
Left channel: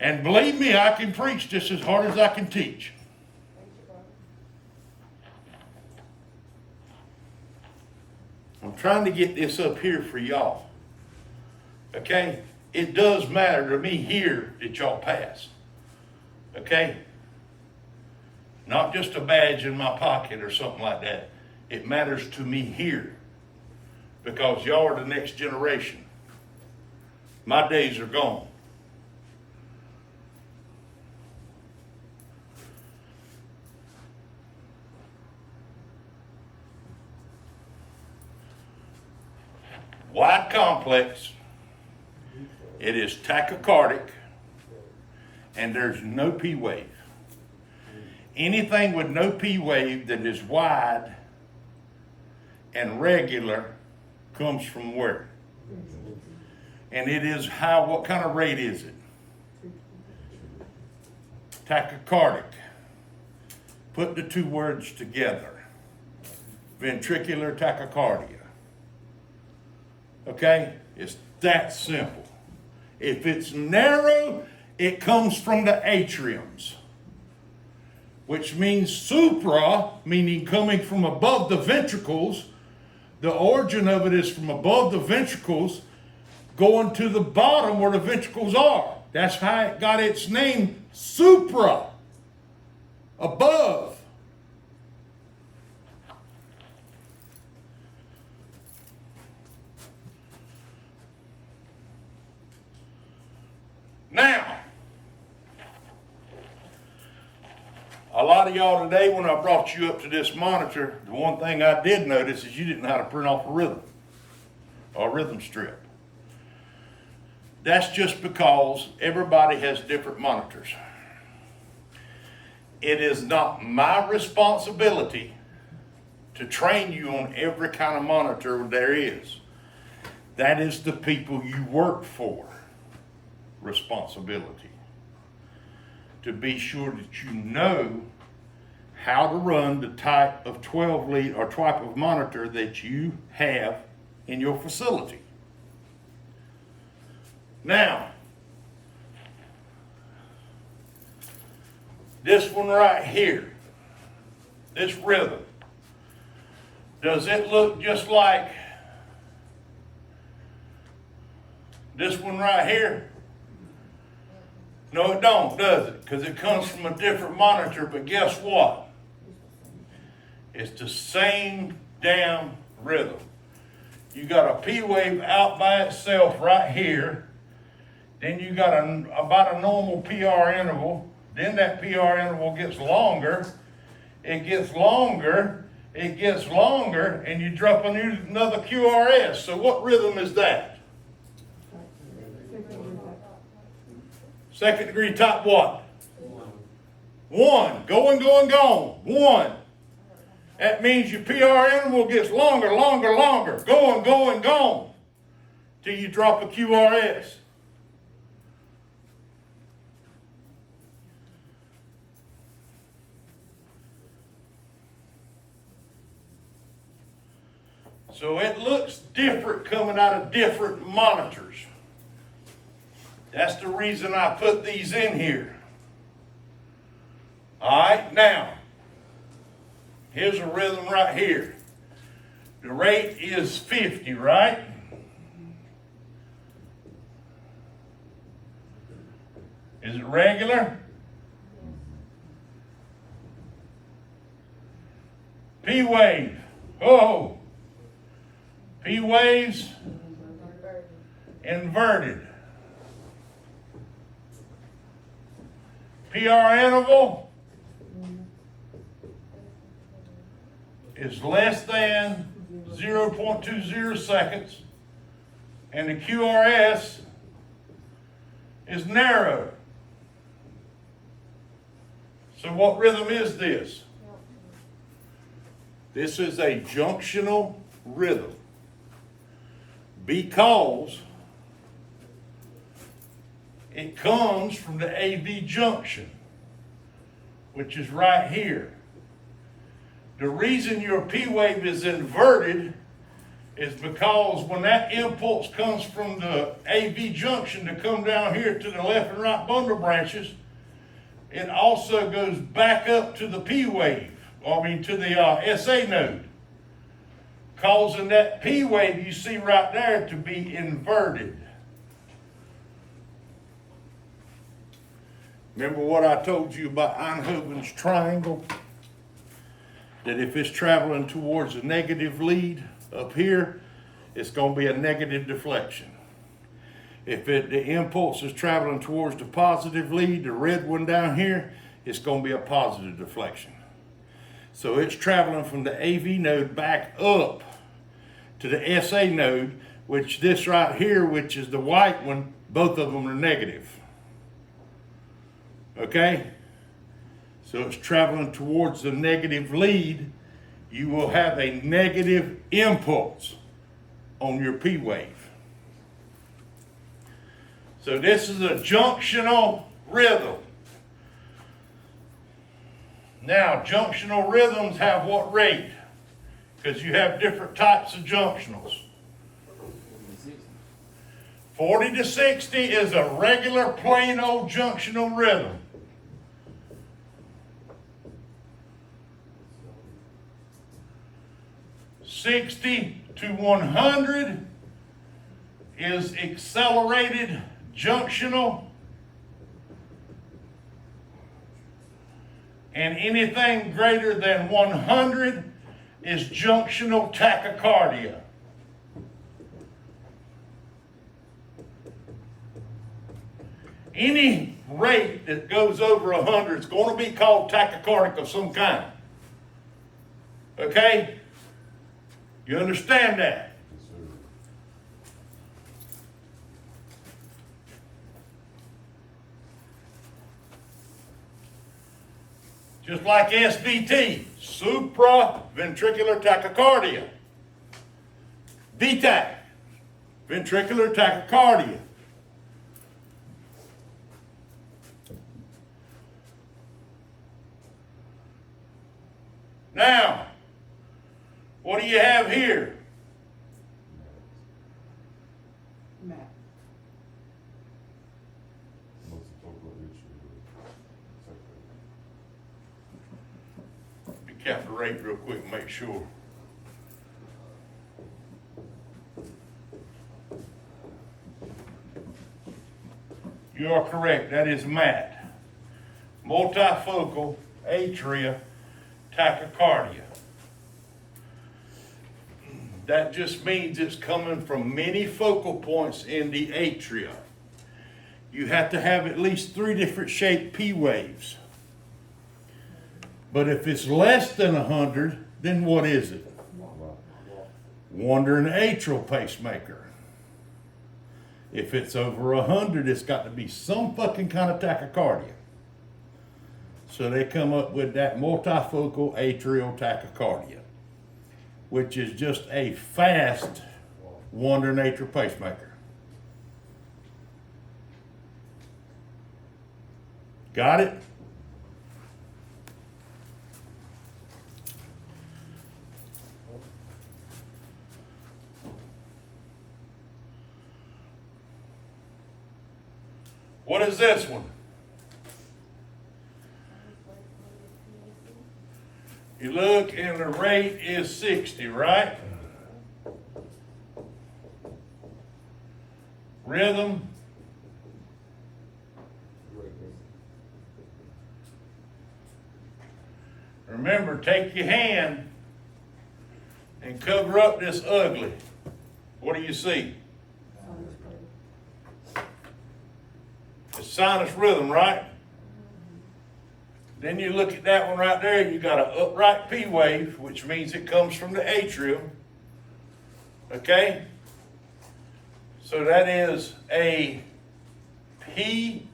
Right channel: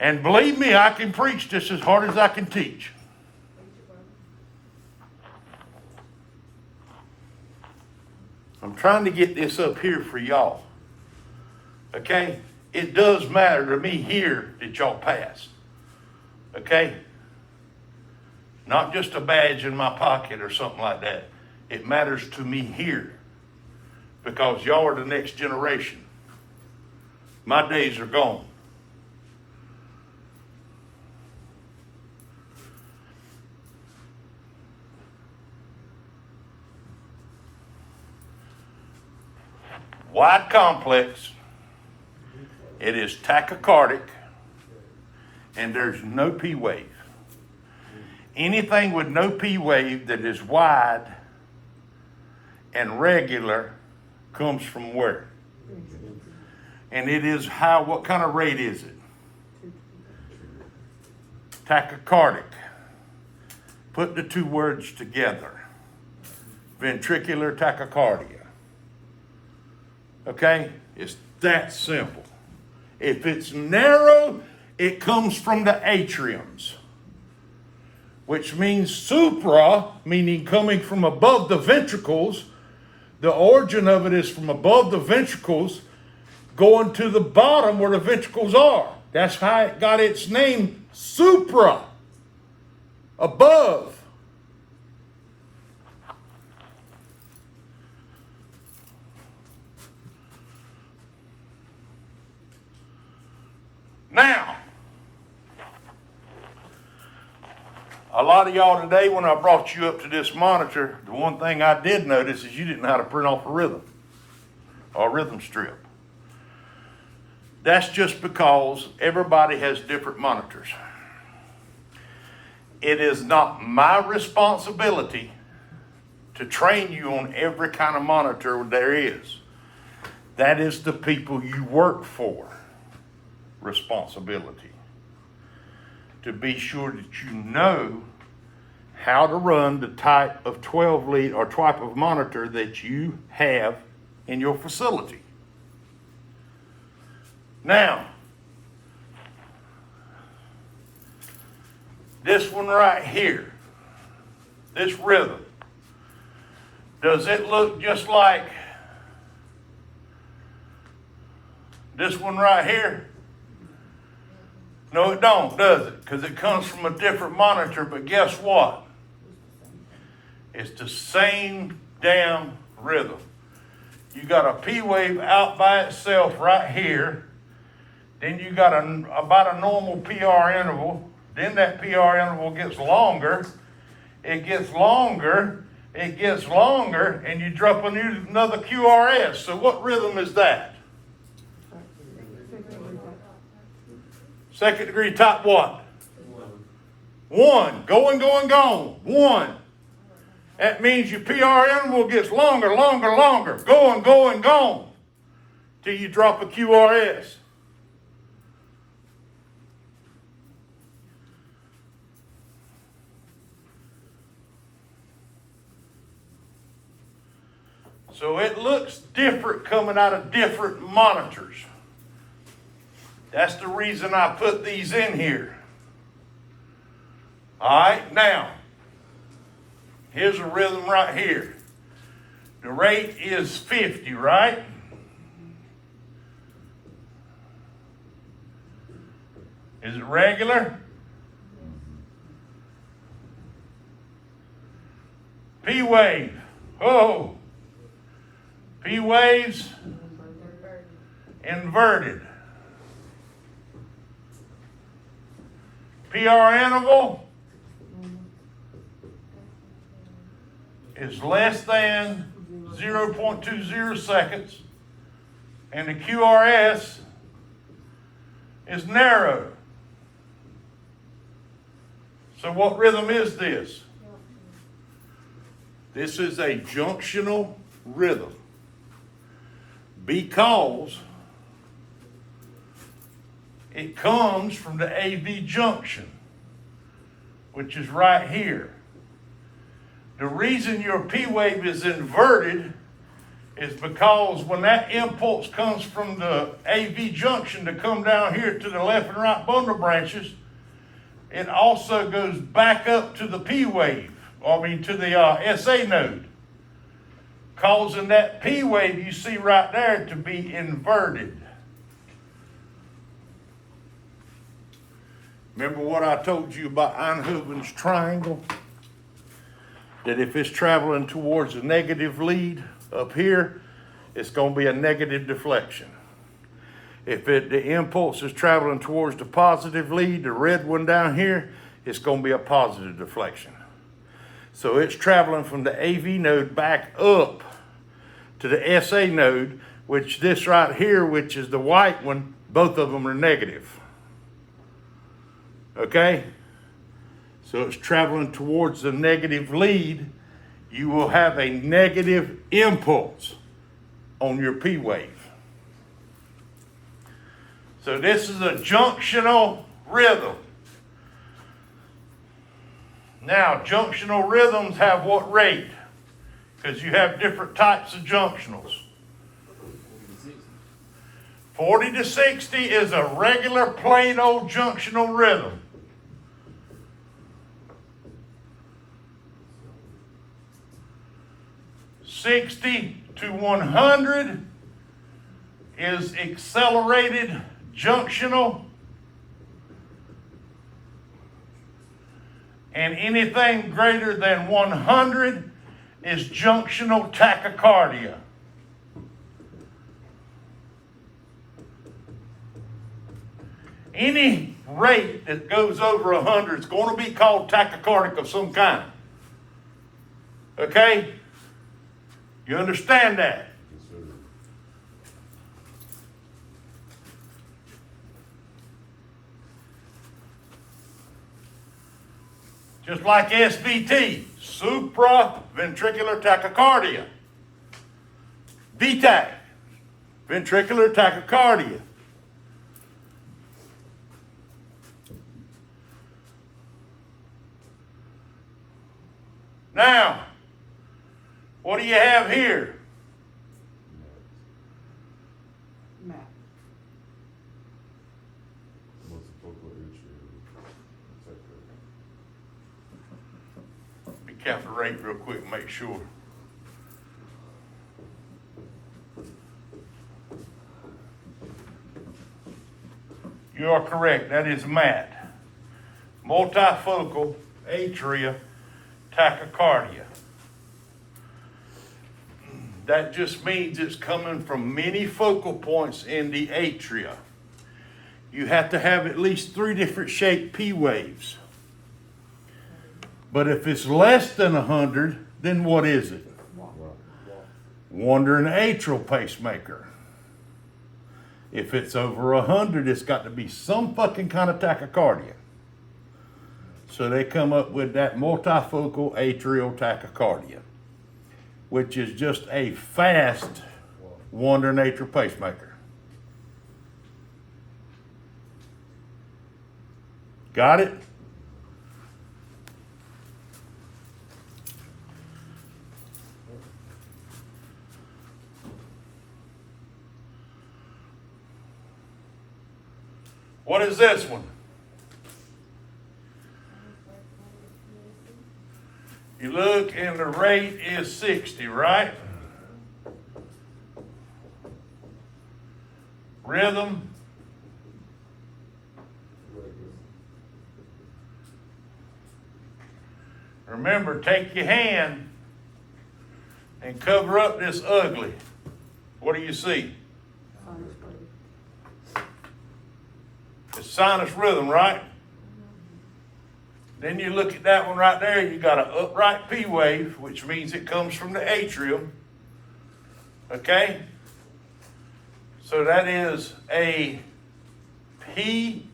And believe me, I can preach just as hard as I can teach. I'm trying to get this up here for y'all. Okay? It does matter to me here that y'all pass. Okay? Not just a badge in my pocket or something like that. It matters to me here. Because y'all are the next generation. My days are gone. Wide complex, it is tachycardic, and there's no P wave. Anything with no P wave that is wide and regular comes from where? And it is how, what kind of rate is it? Tachycardic. Put the two words together. Ventricular tachycardia. Okay? It's that simple. If it's narrow, it comes from the atriums, which means supra, meaning coming from above the ventricles. The origin of it is from above the ventricles, going to the bottom where the ventricles are. That's how it got its name, supra, above. Now, a lot of y'all today, when I brought you up to this monitor, the one thing I did notice is you didn't know how to print off a rhythm or a rhythm strip. That's just because everybody has different monitors. It is not my responsibility to train you on every kind of monitor there is. That is the people you work for. Responsibility to be sure that you know how to run the type of 12 lead or type of monitor that you have in your facility. Now, this one right here, this rhythm, does it look just like this one right here? No, it don't, does it? Because it comes from a different monitor, but guess what? It's the same damn rhythm. You got a P wave out by itself right here. Then you got about a normal PR interval. Then that PR interval gets longer. It gets longer. It gets longer. And you drop another QRS. So what rhythm is that? Second degree top what? One. Going, going, gone. One. That means your PR interval gets longer, longer, longer. Going, going, gone. Till you drop a QRS. So it looks different coming out of different monitors. That's the reason I put these in here. All right, now, here's a rhythm right here. The rate is 50, right? Is it regular? P wave. Oh. P waves inverted. PR interval is less than 0.20 seconds, and the QRS is narrow. So what rhythm is this? This is a junctional rhythm because it comes from the AV junction, which is right here. The reason your P wave is inverted is because when that impulse comes from the AV junction to come down here to the left and right bundle branches, it also goes back up to the P wave, to the SA node, causing that P wave you see right there to be inverted. Remember what I told you about Einthoven's triangle? That if it's traveling towards a negative lead up here, it's going to be a negative deflection. If the impulse is traveling towards the positive lead, the red one down here, it's going to be a positive deflection. So it's traveling from the AV node back up to the SA node, which this right here, which is the white one, both of them are negative. Okay? So it's traveling towards the negative lead. You will have a negative impulse on your P wave. So this is a junctional rhythm. Now, junctional rhythms have what rate? Because you have different types of junctionals. 40 to 60 is a regular plain old junctional rhythm. $60 to 100 is accelerated junctional, and anything greater than 100 is junctional tachycardia. Any rate that goes over 100 is going to be called tachycardic of some kind. Okay? You understand that? Yes, sir. Just like SVT, supraventricular tachycardia. VTAC, ventricular tachycardia. Now, what do you have here? Matt. What's the focal atrial tachycardia? Be careful, rate real quick and make sure. You are correct. That is MAT. Multifocal atrial tachycardia. That just means it's coming from many focal points in the atria. You have to have at least 3 different shaped P waves. But if it's less than 100, then what is it? Wandering atrial pacemaker. If it's over 100, it's got to be some fucking kind of tachycardia. So they come up with that multifocal atrial tachycardia, which is just a fast wandering atrial pacemaker. Got it? What is this one? You look and the rate is 60, right? Rhythm. Remember, take your hand and cover up this ugly. What do you see? Sinus wave. It's sinus rhythm, right? Then you look at that one right there, you got an upright P wave, which means it comes from the atrium. Okay? So that is a PAC.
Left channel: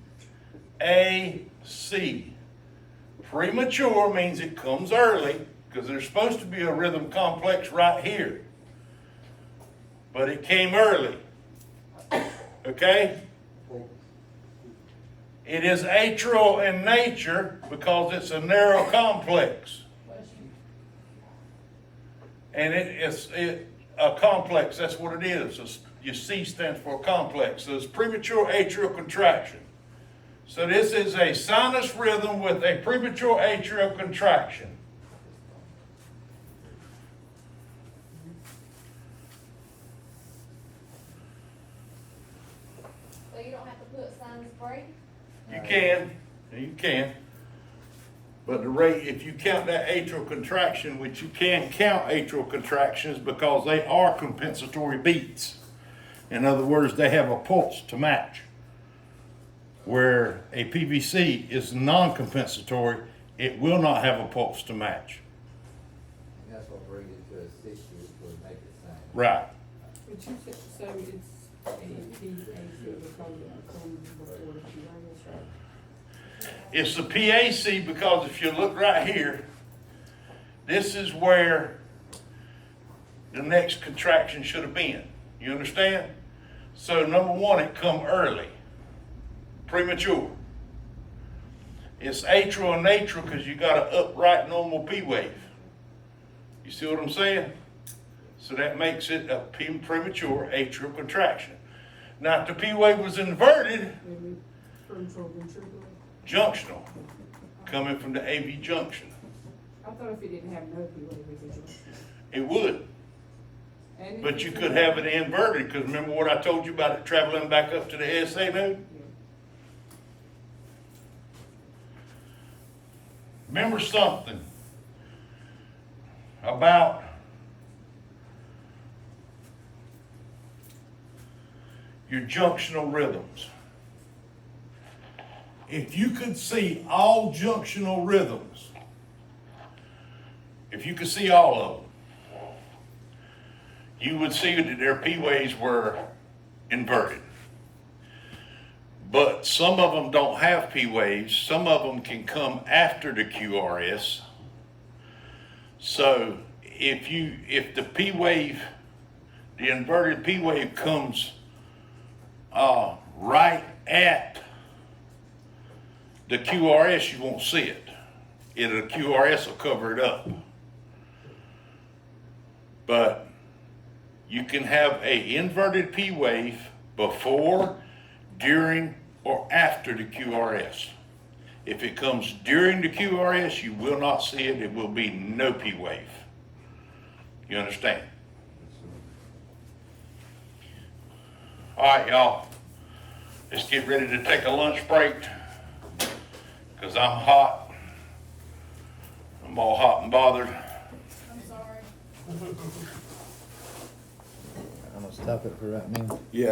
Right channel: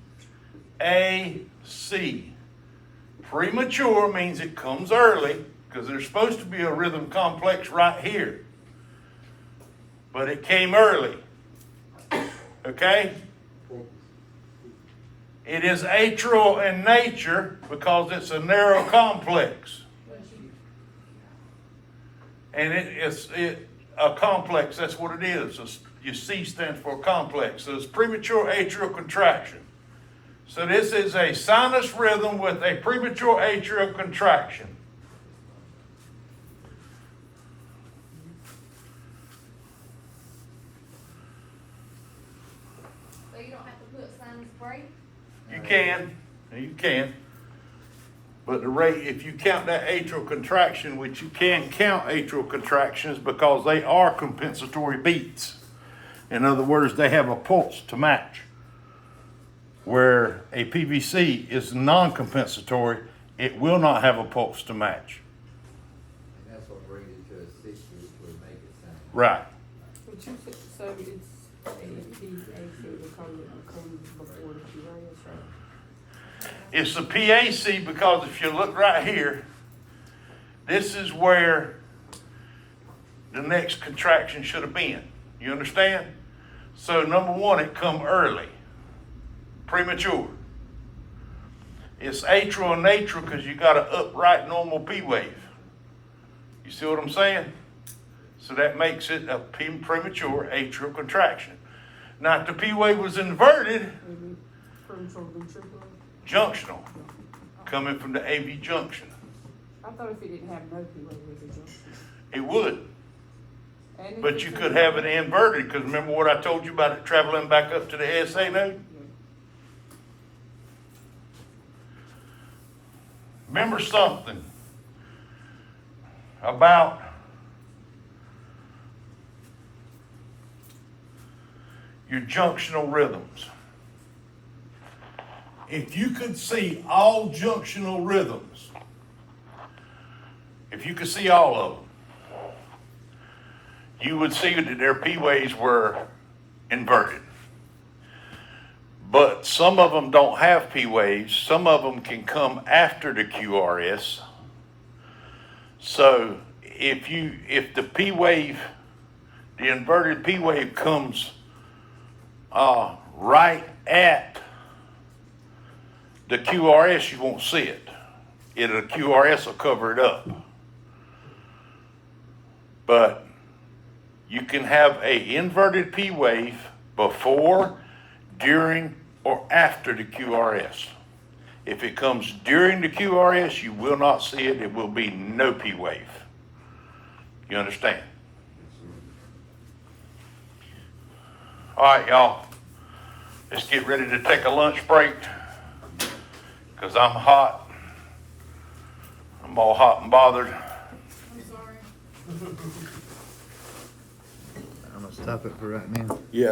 Premature means it comes early, because there's supposed to be a rhythm complex right here. But it came early. Okay? It is atrial in nature because it's a narrow complex. And it's a complex, that's what it is. Your C stands for complex. So it's premature atrial contraction. So this is a sinus rhythm with a premature atrial contraction. So you don't have to put sinus break? You can. But the rate, if you count that atrial contraction, which you can count atrial contractions because they are compensatory beats. In other words, they have a pulse to match. Where a PVC is non-compensatory, it will not have a pulse to match. That's what brings it to a 60, which would make it sound. Right. But you said, so it's APAC because it comes before the QRS, right? It's the PAC because if you look right here, this is where the next contraction should have been. You understand? So number one, it come early. Premature. It's atrial and atrial because you got an upright normal P wave. You see what I'm saying? So that makes it a premature atrial contraction. Now if the P wave was inverted, Premature ventricular. junctional, coming from the AV junction. I thought if it didn't have no P wave, it was a junction. It would, And if but it's you in- could have it inverted because remember what I told you about it traveling back up to the SA node? Remember something about your junctional rhythms. If you could see all junctional rhythms, if you could see all of them, you would see that their P waves were inverted. But some of them don't have P waves. Some of them can come after the QRS. So if the P wave, the inverted P wave comes right at the QRS, you won't see it. The QRS will cover it up. But you can have a inverted P wave before, during, or after the QRS. If it comes during the QRS, you will not see it. It will be no P wave. You understand? All right, y'all. Let's get ready to take a lunch break because I'm hot. I'm all hot and bothered. I'm sorry. I'm gonna stop it for right now. Yeah.